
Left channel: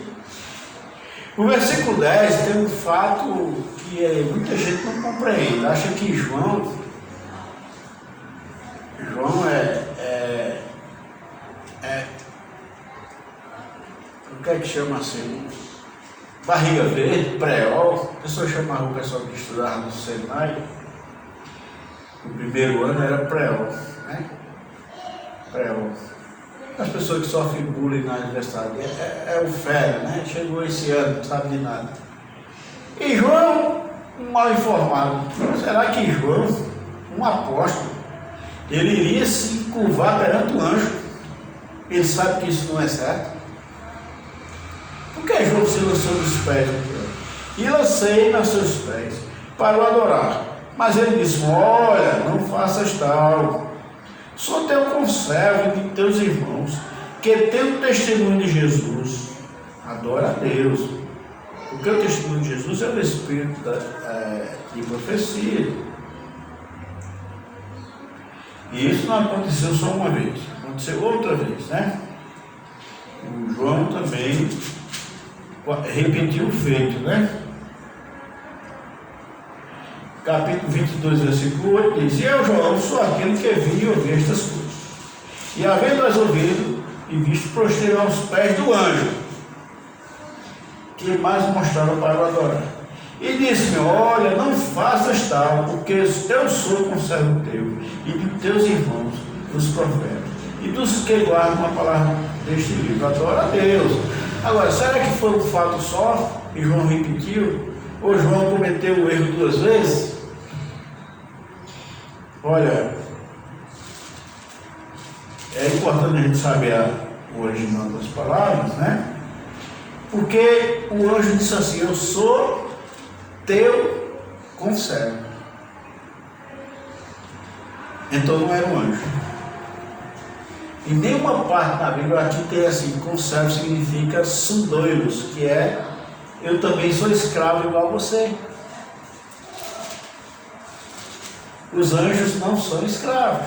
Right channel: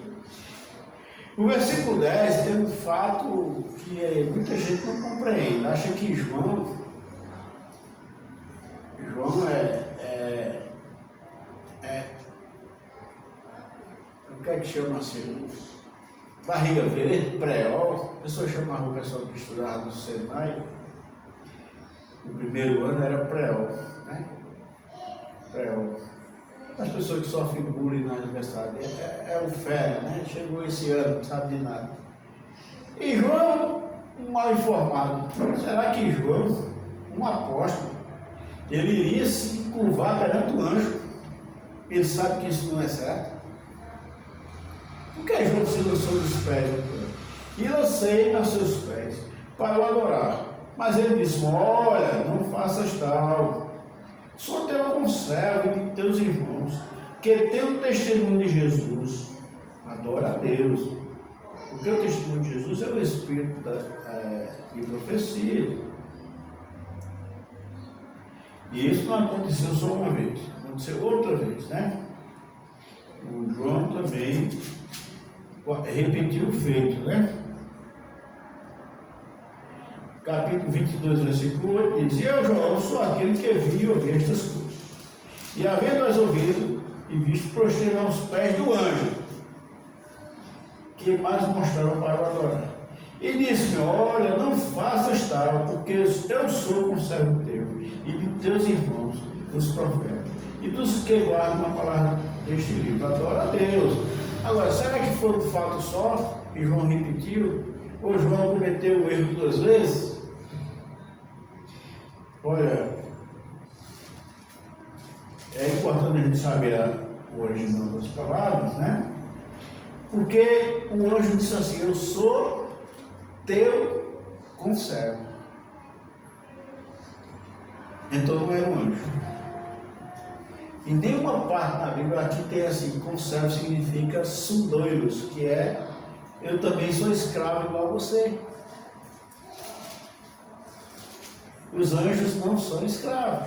No versículo 10 tem um fato que muita gente não compreende. Acha que João o que é que chama assim? Barriga verde, preol. A pessoa chamava o pessoal que estudava no Senai. O primeiro ano era preol, né? Preol. As pessoas que sofrem bullying na universidade é o fera, né? Chegou esse ano, não sabe de nada. E João, um mal informado. Será que João, um apóstolo, ele iria se curvar perante o anjo? Ele sabe que isso não é certo. Por que João se lançou nos pés? E lancei nos seus pés para o adorar. Mas ele disse: olha, não faças tal. Sou teu conservo de teus irmãos, que tem o testemunho de Jesus. Adora a Deus. Porque o testemunho de Jesus é o espírito de profecia. E isso não aconteceu só uma vez, aconteceu outra vez, né? O João também repetiu o feito, né? Capítulo 22, versículo 8 diz: eu, João, sou aquele que vi e ouvi estas coisas. E havendo-as ouvido e visto, prostrei aos pés do anjo, que mais mostraram para o adorar. E disse-me: olha, não faças tal, porque eu sou conservo teu e de teus irmãos, os profetas, e dos que guardam a palavra deste livro. Adora a Deus. Agora, será que foi um fato só e João repetiu? Ou João cometeu o erro duas vezes? Olha, é importante a gente saber o original das palavras, né? Porque o anjo disse assim: eu sou teu conservo. Então não era um anjo. Em nenhuma parte da Bíblia aqui tem assim: conservo significa sundoiros, que é eu também sou escravo igual a você. Os anjos não são escravos.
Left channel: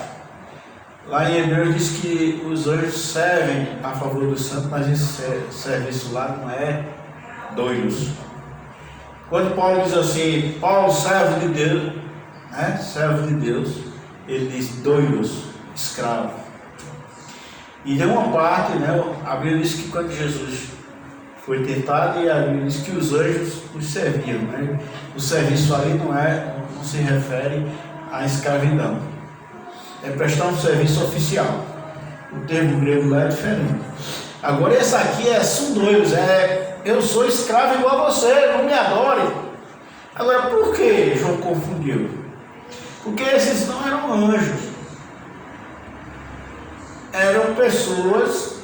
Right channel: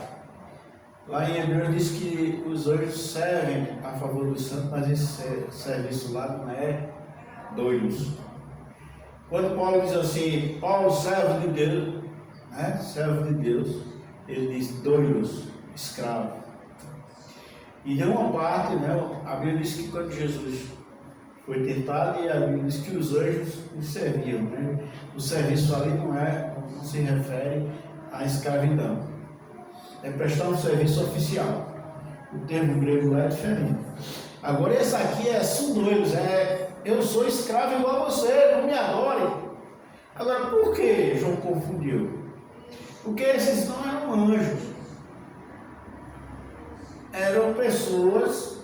Lá em Hebreus diz que os anjos servem a favor dos santos, mas esse serviço lá não é doidos. Quando Paulo diz assim: Paulo, servo de Deus, né? Servo de Deus, ele diz doidos, escravo. E de uma parte, né, a Bíblia diz que quando Jesus foi tentado, e a Bíblia diz que os anjos os serviam, né? O serviço ali não se refere à escravidão, é prestar um serviço oficial. O termo grego lá é diferente. Agora esse aqui são doidos, eu sou escravo igual a você, não me adore. Agora por que João confundiu? Porque esses não eram anjos, eram pessoas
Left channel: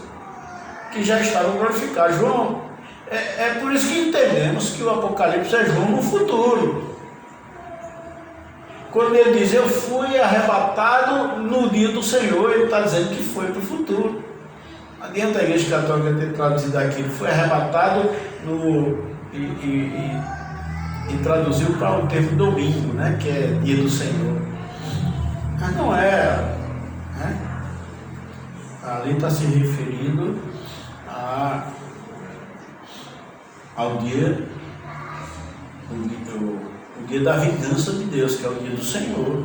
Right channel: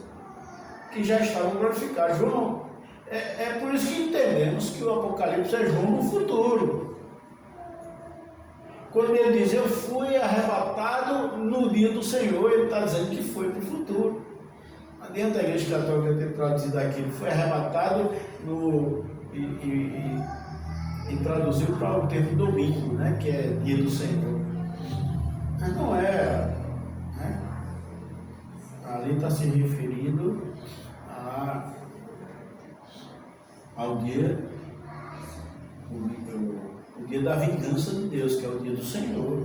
que já estavam glorificadas. João, é por isso que entendemos que o Apocalipse é João no futuro. Quando ele diz: eu fui arrebatado no dia do Senhor, ele está dizendo que foi para o futuro. Não adianta a Igreja Católica ter traduzido aquilo, foi arrebatado e traduziu para um termo domingo, né, que é dia do Senhor. Mas não é, né? Ali está se referindo ao dia, o dia da vingança de Deus, que é o dia do Senhor.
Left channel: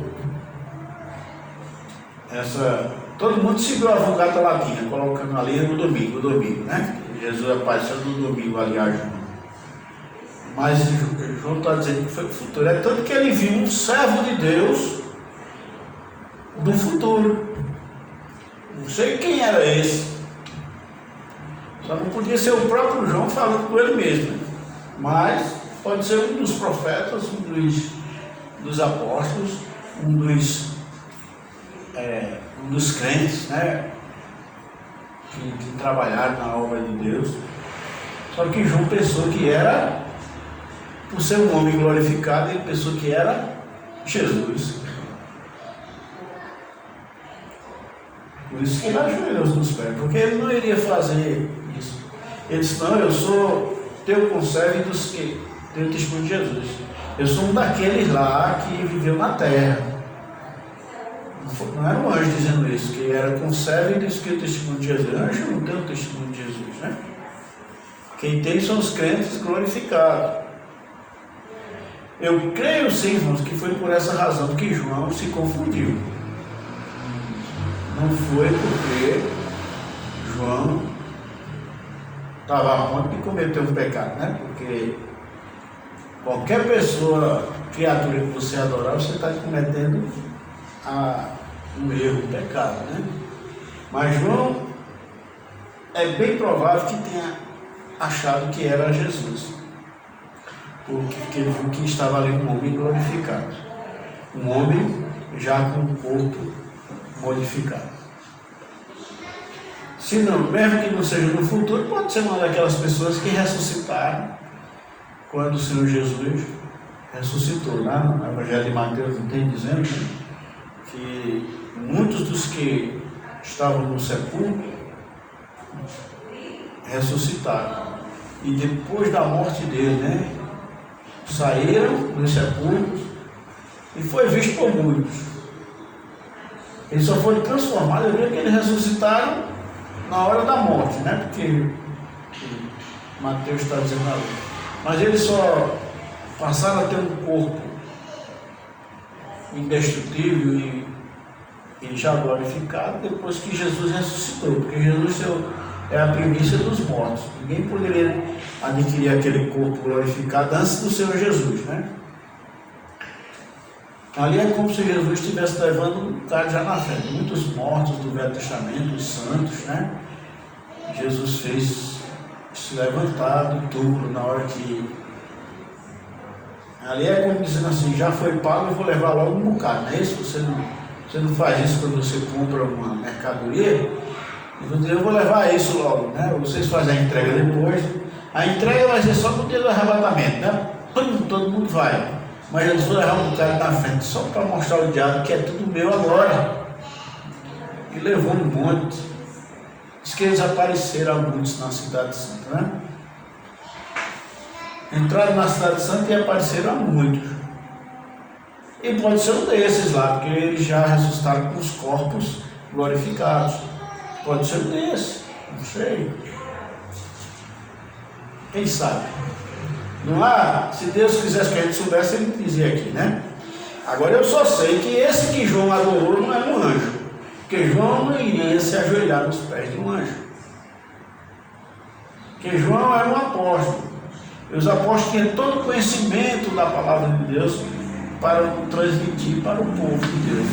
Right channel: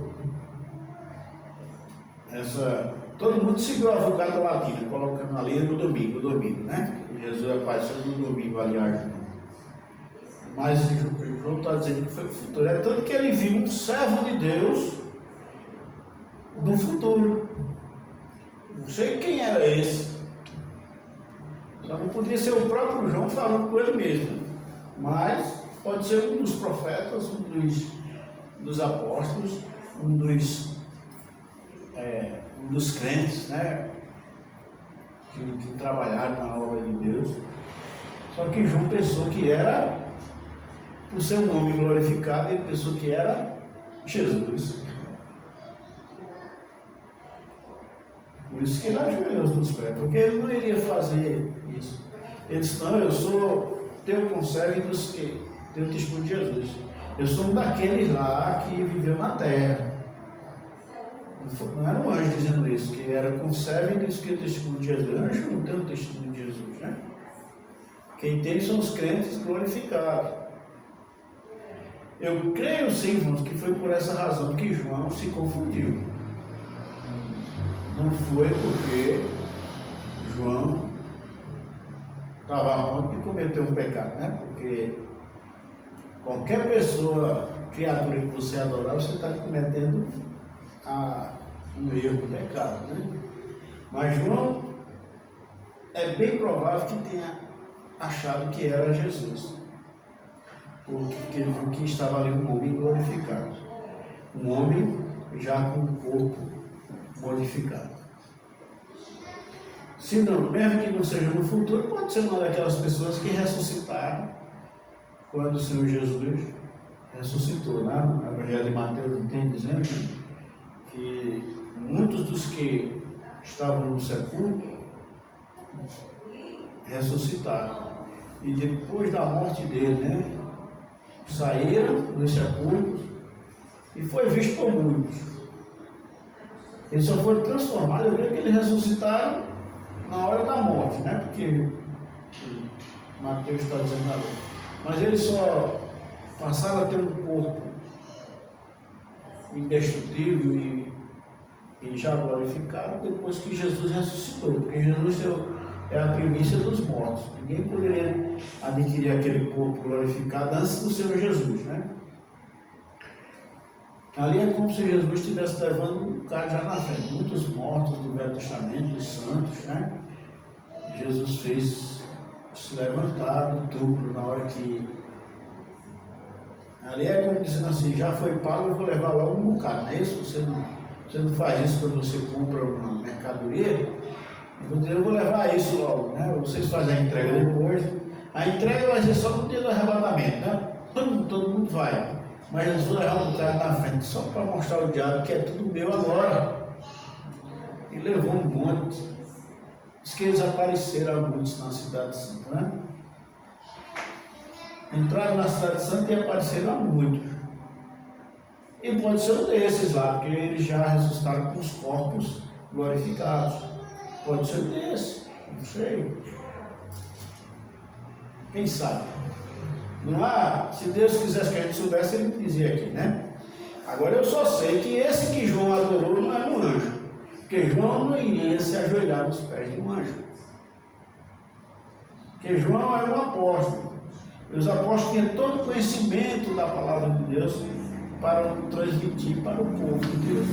Todo mundo seguiu a Vulgata Latina, colocando ali no domingo, né? Jesus apareceu no domingo ali a João. Mas João está dizendo que foi para o futuro. É tanto que ele viu um servo de Deus do futuro. Não sei quem era esse. Só não podia ser o próprio João falando com ele mesmo. Mas pode ser um dos profetas, um dos apóstolos, um dos crentes, né? Que trabalharam na obra de Deus. Só que João pensou que era por ser um homem glorificado, ele pensou que era Jesus. Por isso que ele ajoelhou nos pés, porque ele não iria fazer isso. Ele disse: não, eu sou teu conservo dos que teu testemunho de Jesus. Eu sou um daqueles lá que viveu na terra. Não era um anjo dizendo isso, que era conservo e disse que o testemunho de Jesus. Anjo não tem o testemunho de Jesus, né? Quem tem são os crentes glorificados. Eu creio sim, irmãos, que foi por essa razão que João se confundiu. Não foi porque João estava a ponto de cometer um pecado, né? Porque qualquer pessoa, criatura que você adorar, você está cometendo um erro, um pecado, né? Mas João é bem provável que tenha achado que era Jesus, porque ele viu que estava ali um homem glorificado, um homem já com o corpo modificado. Se não, mesmo que não seja no futuro, pode ser uma daquelas pessoas que ressuscitaram quando o Senhor Jesus ressuscitou, né? No Evangelho de Mateus não tem dizendo que muitos dos que estavam no sepulcro ressuscitaram, e depois da morte dele, né, saíram dos sepulcros e foi visto por muitos. Eles só foram transformados, eu vejo que eles ressuscitaram na hora da morte, né? Porque Mateus está dizendo ali. Mas eles só passaram a ter um corpo indestrutível e já glorificado depois que Jesus ressuscitou, porque Jesus é a primícia dos mortos. Ninguém poderia adquirir aquele corpo glorificado antes do Senhor Jesus, né? Ali é como se Jesus estivesse levando um cara já na frente. Muitos mortos do Velho Testamento, os santos, né? Jesus fez se levantar do túmulo na hora que... Ali é como dizendo assim: já foi pago, eu vou levar logo um bocado, não é isso? Você não faz isso quando você compra uma mercadoria, eu vou levar isso logo, né? Vocês fazem a entrega depois. A entrega vai ser só no dia do arrebatamento, né? Todo mundo vai. Mas eles vão levar um bocado na frente, só para mostrar ao diabo que é tudo meu agora. E levou um monte. Diz que eles apareceram muitos na Cidade Santa, né? Entraram na Cidade Santa e apareceram a muitos. E pode ser um desses lá, porque eles já ressuscitaram com os corpos glorificados. Pode ser um desses, não sei. Quem sabe? Não há, se Deus quisesse que a gente soubesse, ele dizia aqui, né? Agora eu só sei que esse que João adorou não é um anjo, porque João não iria se ajoelhar nos pés de um anjo, porque João era um apóstolo, e os apóstolos tinham todo o conhecimento da palavra de Deus para transmitir para o povo de Deus.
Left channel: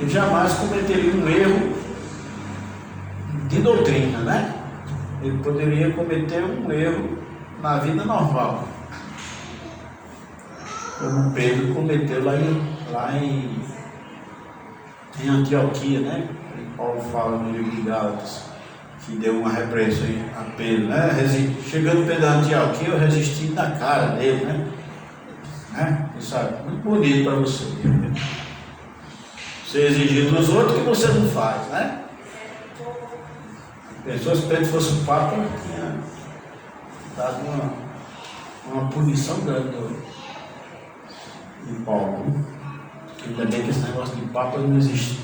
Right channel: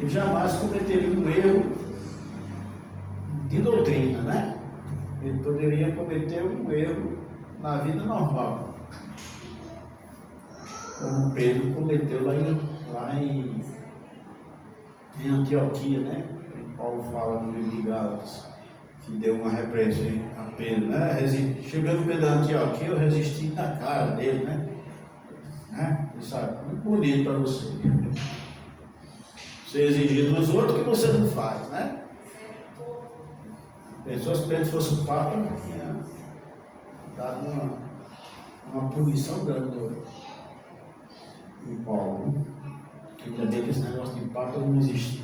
Ele jamais cometeria um erro de doutrina, né? Ele poderia cometer um erro na vida normal, como Pedro cometeu lá em Antioquia, né? E Paulo fala no livro de Gálatas que deu uma repreensão a Pedro, né? Chegando Pedro a Antioquia, eu resisti na cara dele, né? Isso é muito bonito para você. Você exigir dos outros que você não faz, né? Pensou se Pedro fosse o Papa, tinha dado uma punição grande em Paulo. Ainda bem que esse negócio de Papa não existe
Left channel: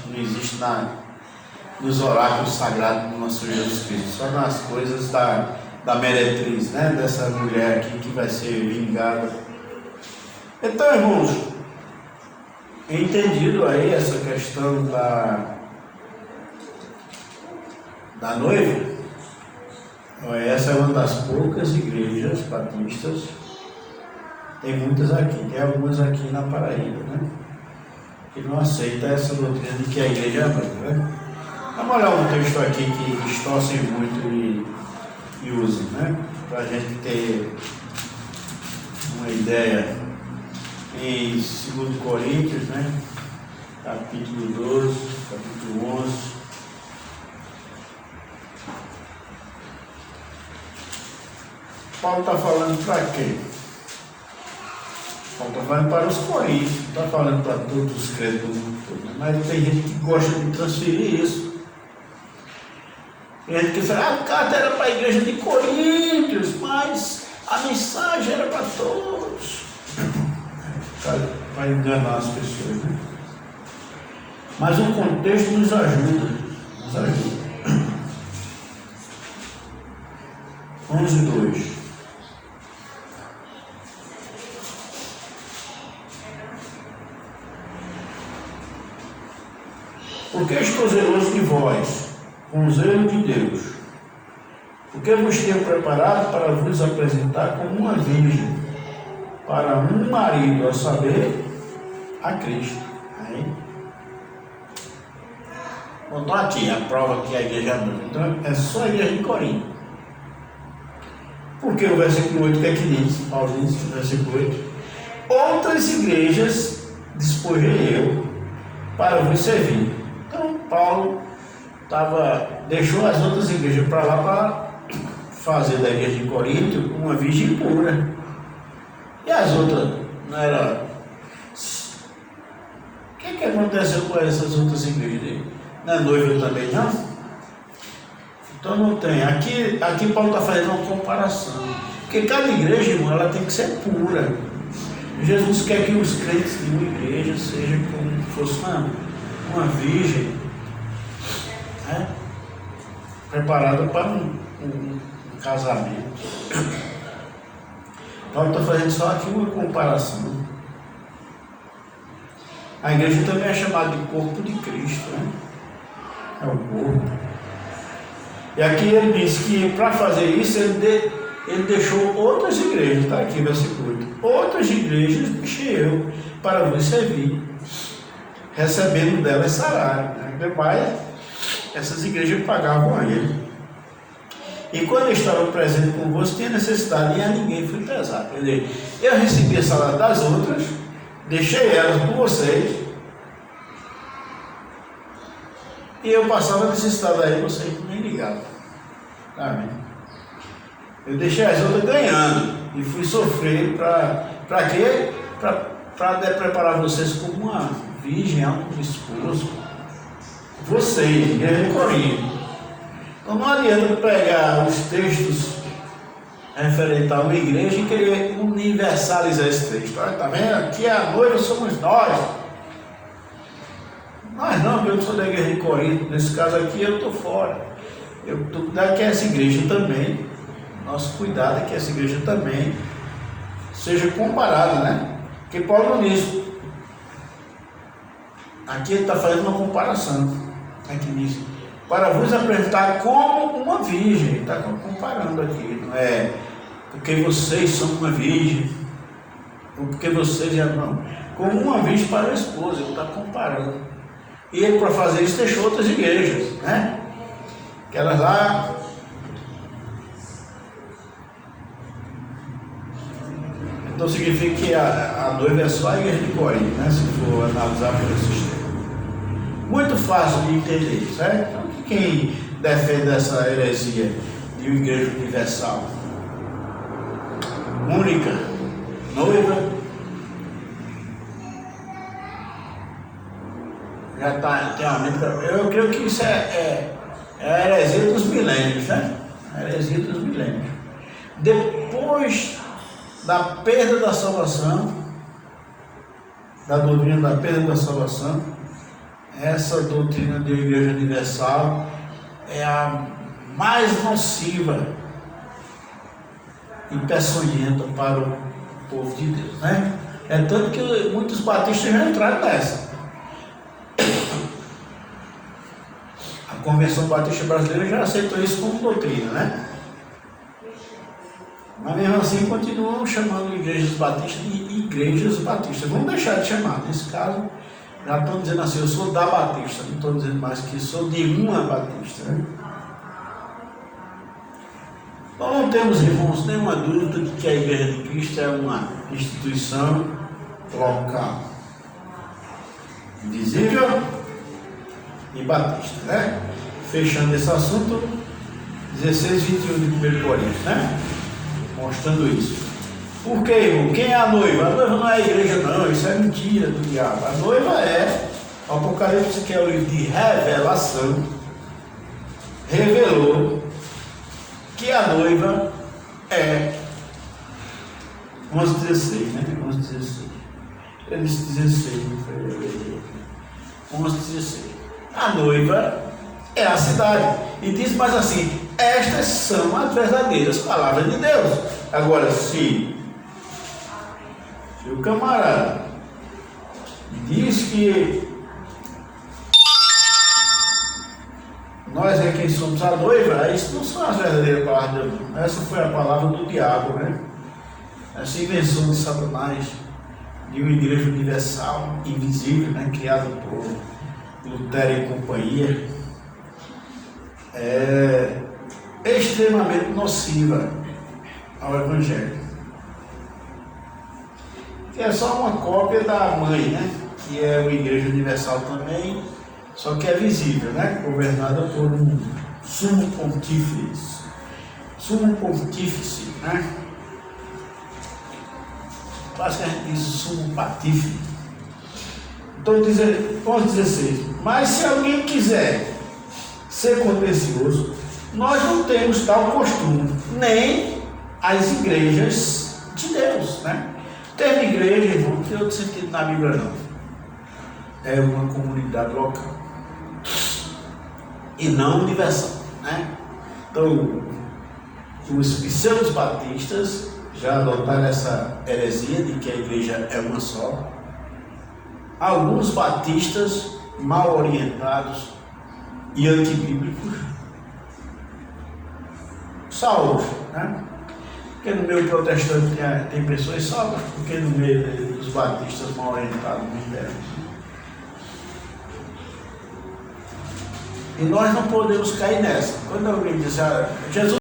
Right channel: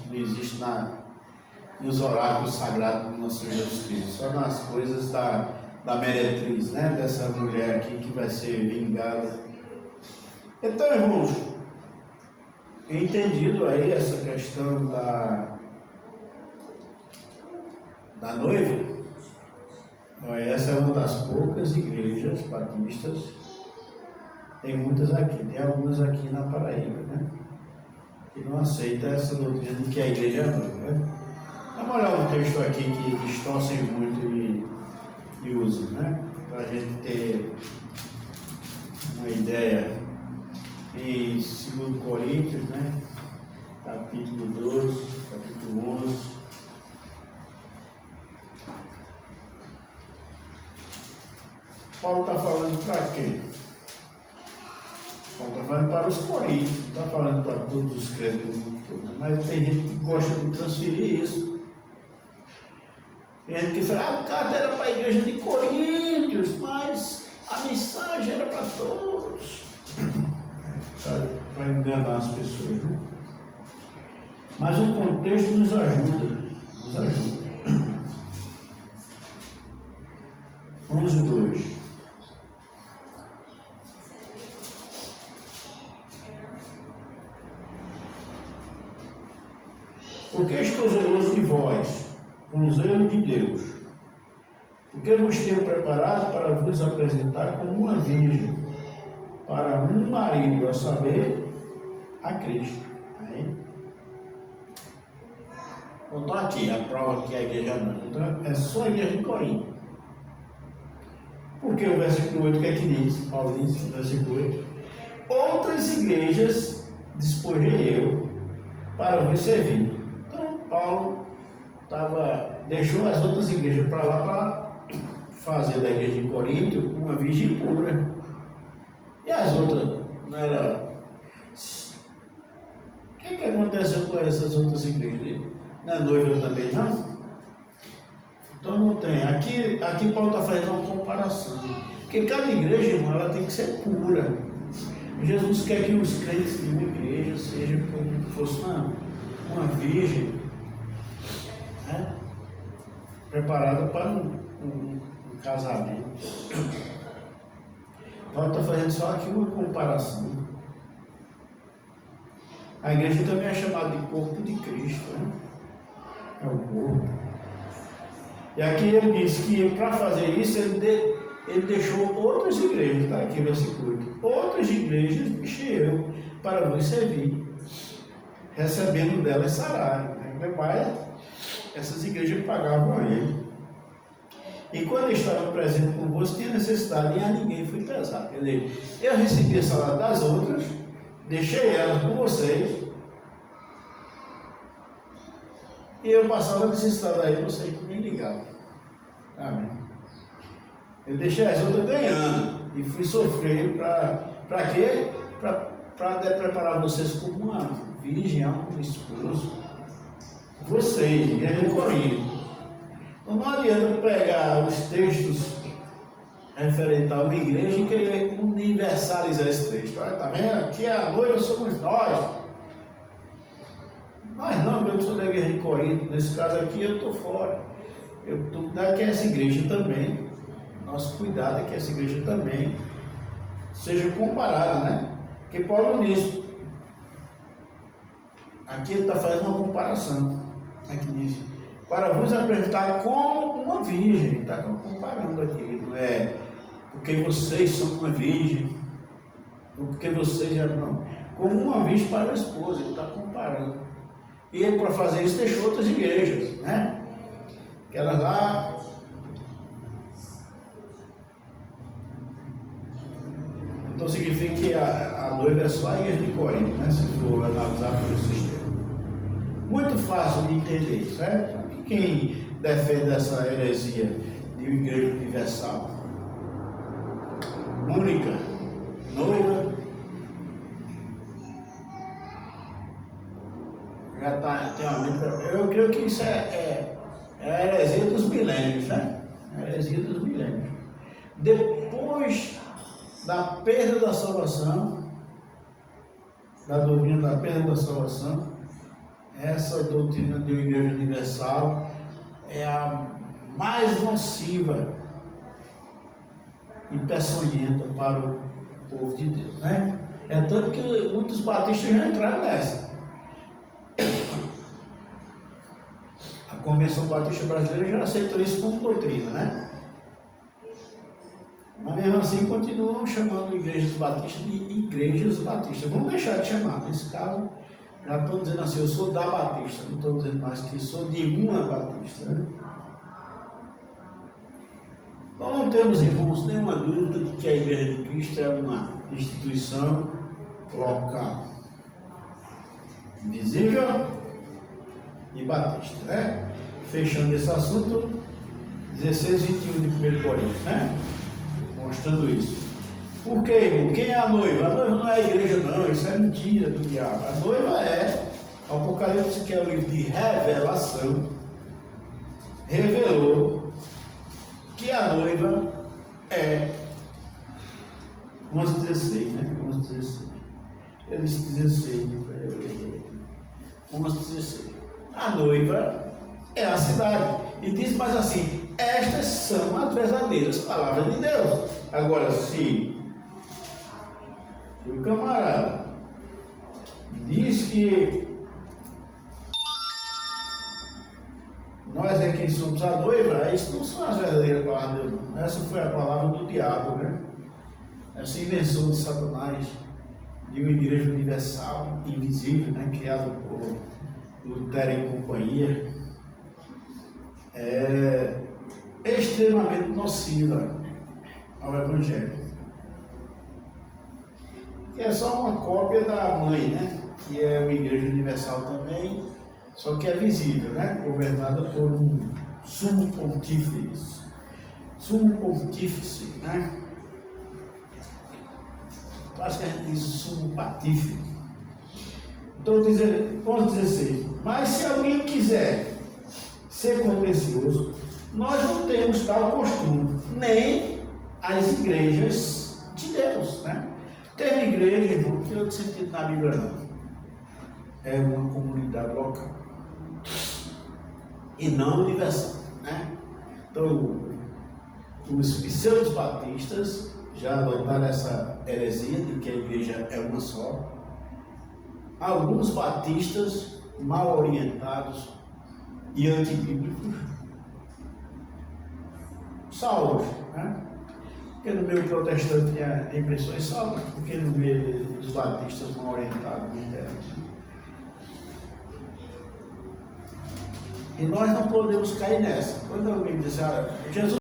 nos oráculos sagrados do nosso Jesus Cristo, só nas coisas da meretriz, né? Dessa mulher aqui que vai ser vingada. Então, irmãos, entendido aí essa questão da noiva, essa é uma das poucas igrejas batistas, tem muitas aqui, tem algumas aqui na Paraíba, né? Que não aceita essa doutrina de que a igreja é a noiva, né? Vamos olhar um texto aqui que distorcem muito e usem, né? Para a gente ter uma ideia. Em 2 Coríntios, né? Capítulo 12, capítulo 11. Paulo está falando para quê? vai para os coríntios, não está falando para todos os crentes do mundo todo, né? Mas tem gente que gosta de transferir isso. Tem gente que fala, a carta era para a igreja de Coríntios, mas a mensagem era para todos. Para enganar as pessoas, né? Mas o contexto nos ajuda. 11:2. Porque estou zeloso de vós, com o zelo de Deus, porque vos tenho preparado para vos apresentar como uma virgem, para um marido, a saber, a Cristo. Aí, botou aqui a prova que a igreja não. Então, é só a igreja de Corinto. Porque o versículo 8, o que é que diz? Paulo diz no versículo 8: outras igrejas despojei eu para vos servir. Então, Paulo deixou as outras igrejas para lá para fazer da igreja de Corinto uma virgem pura. E as outras não era. O que aconteceu com essas outras igrejas dele? Não é noiva também, não? Então não tem. Aqui Paulo está fazendo uma comparação. Porque cada igreja, irmão, ela tem que ser pura. Jesus quer que os crentes de uma igreja sejam como se fosse uma virgem, né? Preparada para um casamento. Paulo está fazendo só aqui uma comparação. A igreja também é chamada de corpo de Cristo, né? É o corpo. E aqui ele diz que para fazer isso ele deixou outras igrejas, está aqui versículo 8. Outras igrejas deixei eu para vos servir, recebendo delas salário. Né? Demais, essas igrejas pagavam a ele. E quando eu estava presente convosco, tinha necessidade e a ninguém fui pesado. Quer dizer, eu recebi o salário das outras, deixei elas com vocês, e eu passava necessidade aí, vocês nem ligavam. Amém. Eu deixei as outras ganhando e fui sofrer para quê? Para preparar vocês como uma virgem, um esposo. Vocês, igreja de Corinto. Então não adianta pegar os textos referentes a uma igreja e querer universalizar esse texto. Olha, tá vendo? Aqui a noiva somos nós. Mas não, eu sou da igreja de Corinto. Nesse caso aqui eu estou fora. Eu estou cuidando que essa igreja também. Nosso cuidado é que essa igreja também seja comparada, né? Porque Paulo não diz. Aqui ele está fazendo uma comparação. Aqui diz: para vos apresentar como uma virgem. Ele está comparando aqui. Não é porque vocês são uma virgem, ou porque vocês já não. Como uma virgem para a esposa. Ele está comparando. E ele, para fazer isso, deixou outras igrejas, né? Aquelas lá. Então significa que a noiva é só a igreja de Corinto, né? Se for analisar pelo sistema. Muito fácil de entender, certo? Então, quem defende essa heresia de uma igreja universal, única, noiva, já está, tem uma mente. Eu creio que isso é a heresia dos milênios, né? A heresia dos milênios. Depois da perda da salvação, da doutrina da perda da salvação, essa doutrina de igreja universal é a mais nociva e peçonhenta para o povo de Deus, né? É tanto que muitos batistas já entraram nessa. A Convenção Batista Brasileira já aceitou isso como doutrina, né? Mas mesmo assim continuam chamando igrejas batistas de igrejas batistas. Vamos deixar de chamar. Nesse caso, já estão dizendo assim: eu sou da Batista. Não estou dizendo mais que sou de uma Batista, né? Então não temos, irmãos, nenhuma dúvida de que a Igreja de Cristo é uma instituição local, visível e batista, né? Fechando esse assunto, 16:21 de 1 Coríntios, né? Mostrando isso. Por quê, irmão? Quem é a noiva? A noiva não é a igreja, não. Isso é mentira do diabo. A noiva é... O Apocalipse, que é o livro de revelação, revelou que a noiva é 11:16, né? 11:16. Ele disse 16, não foi? 11:16. A noiva é a cidade. E diz mais assim: estas são as verdadeiras palavras de Deus. Agora, se o camarada diz que nós é quem somos a noiva, isso não são as verdadeiras palavras de Deus. Essa foi a palavra do diabo, né? Essa invenção de Satanás, de uma igreja universal, invisível, né? Criada por Lutero e companhia, é extremamente nociva ao Evangelho. Que é só uma cópia da mãe, né? Que é uma igreja universal também, só que é visível, né? Governada por um sumo pontífice, né? Quase que a gente diz sumo patife. Então, vamos dizer assim: mas se alguém quiser ser contencioso, nós não temos tal costume, nem as igrejas de Deus, né? O termo igreja, irmão, não tem outro sentido na Bíblia, não. É uma comunidade local e não universal, né? Então, os pseudos batistas já adotaram essa heresia de que a igreja é uma só. Alguns batistas mal orientados e antibíblicos, salvos, né? Porque no meio protestante tem pessoas salvas, porque no meio dos batistas mal orientados não deram. E nós não podemos cair nessa. Quando alguém diz, Jesus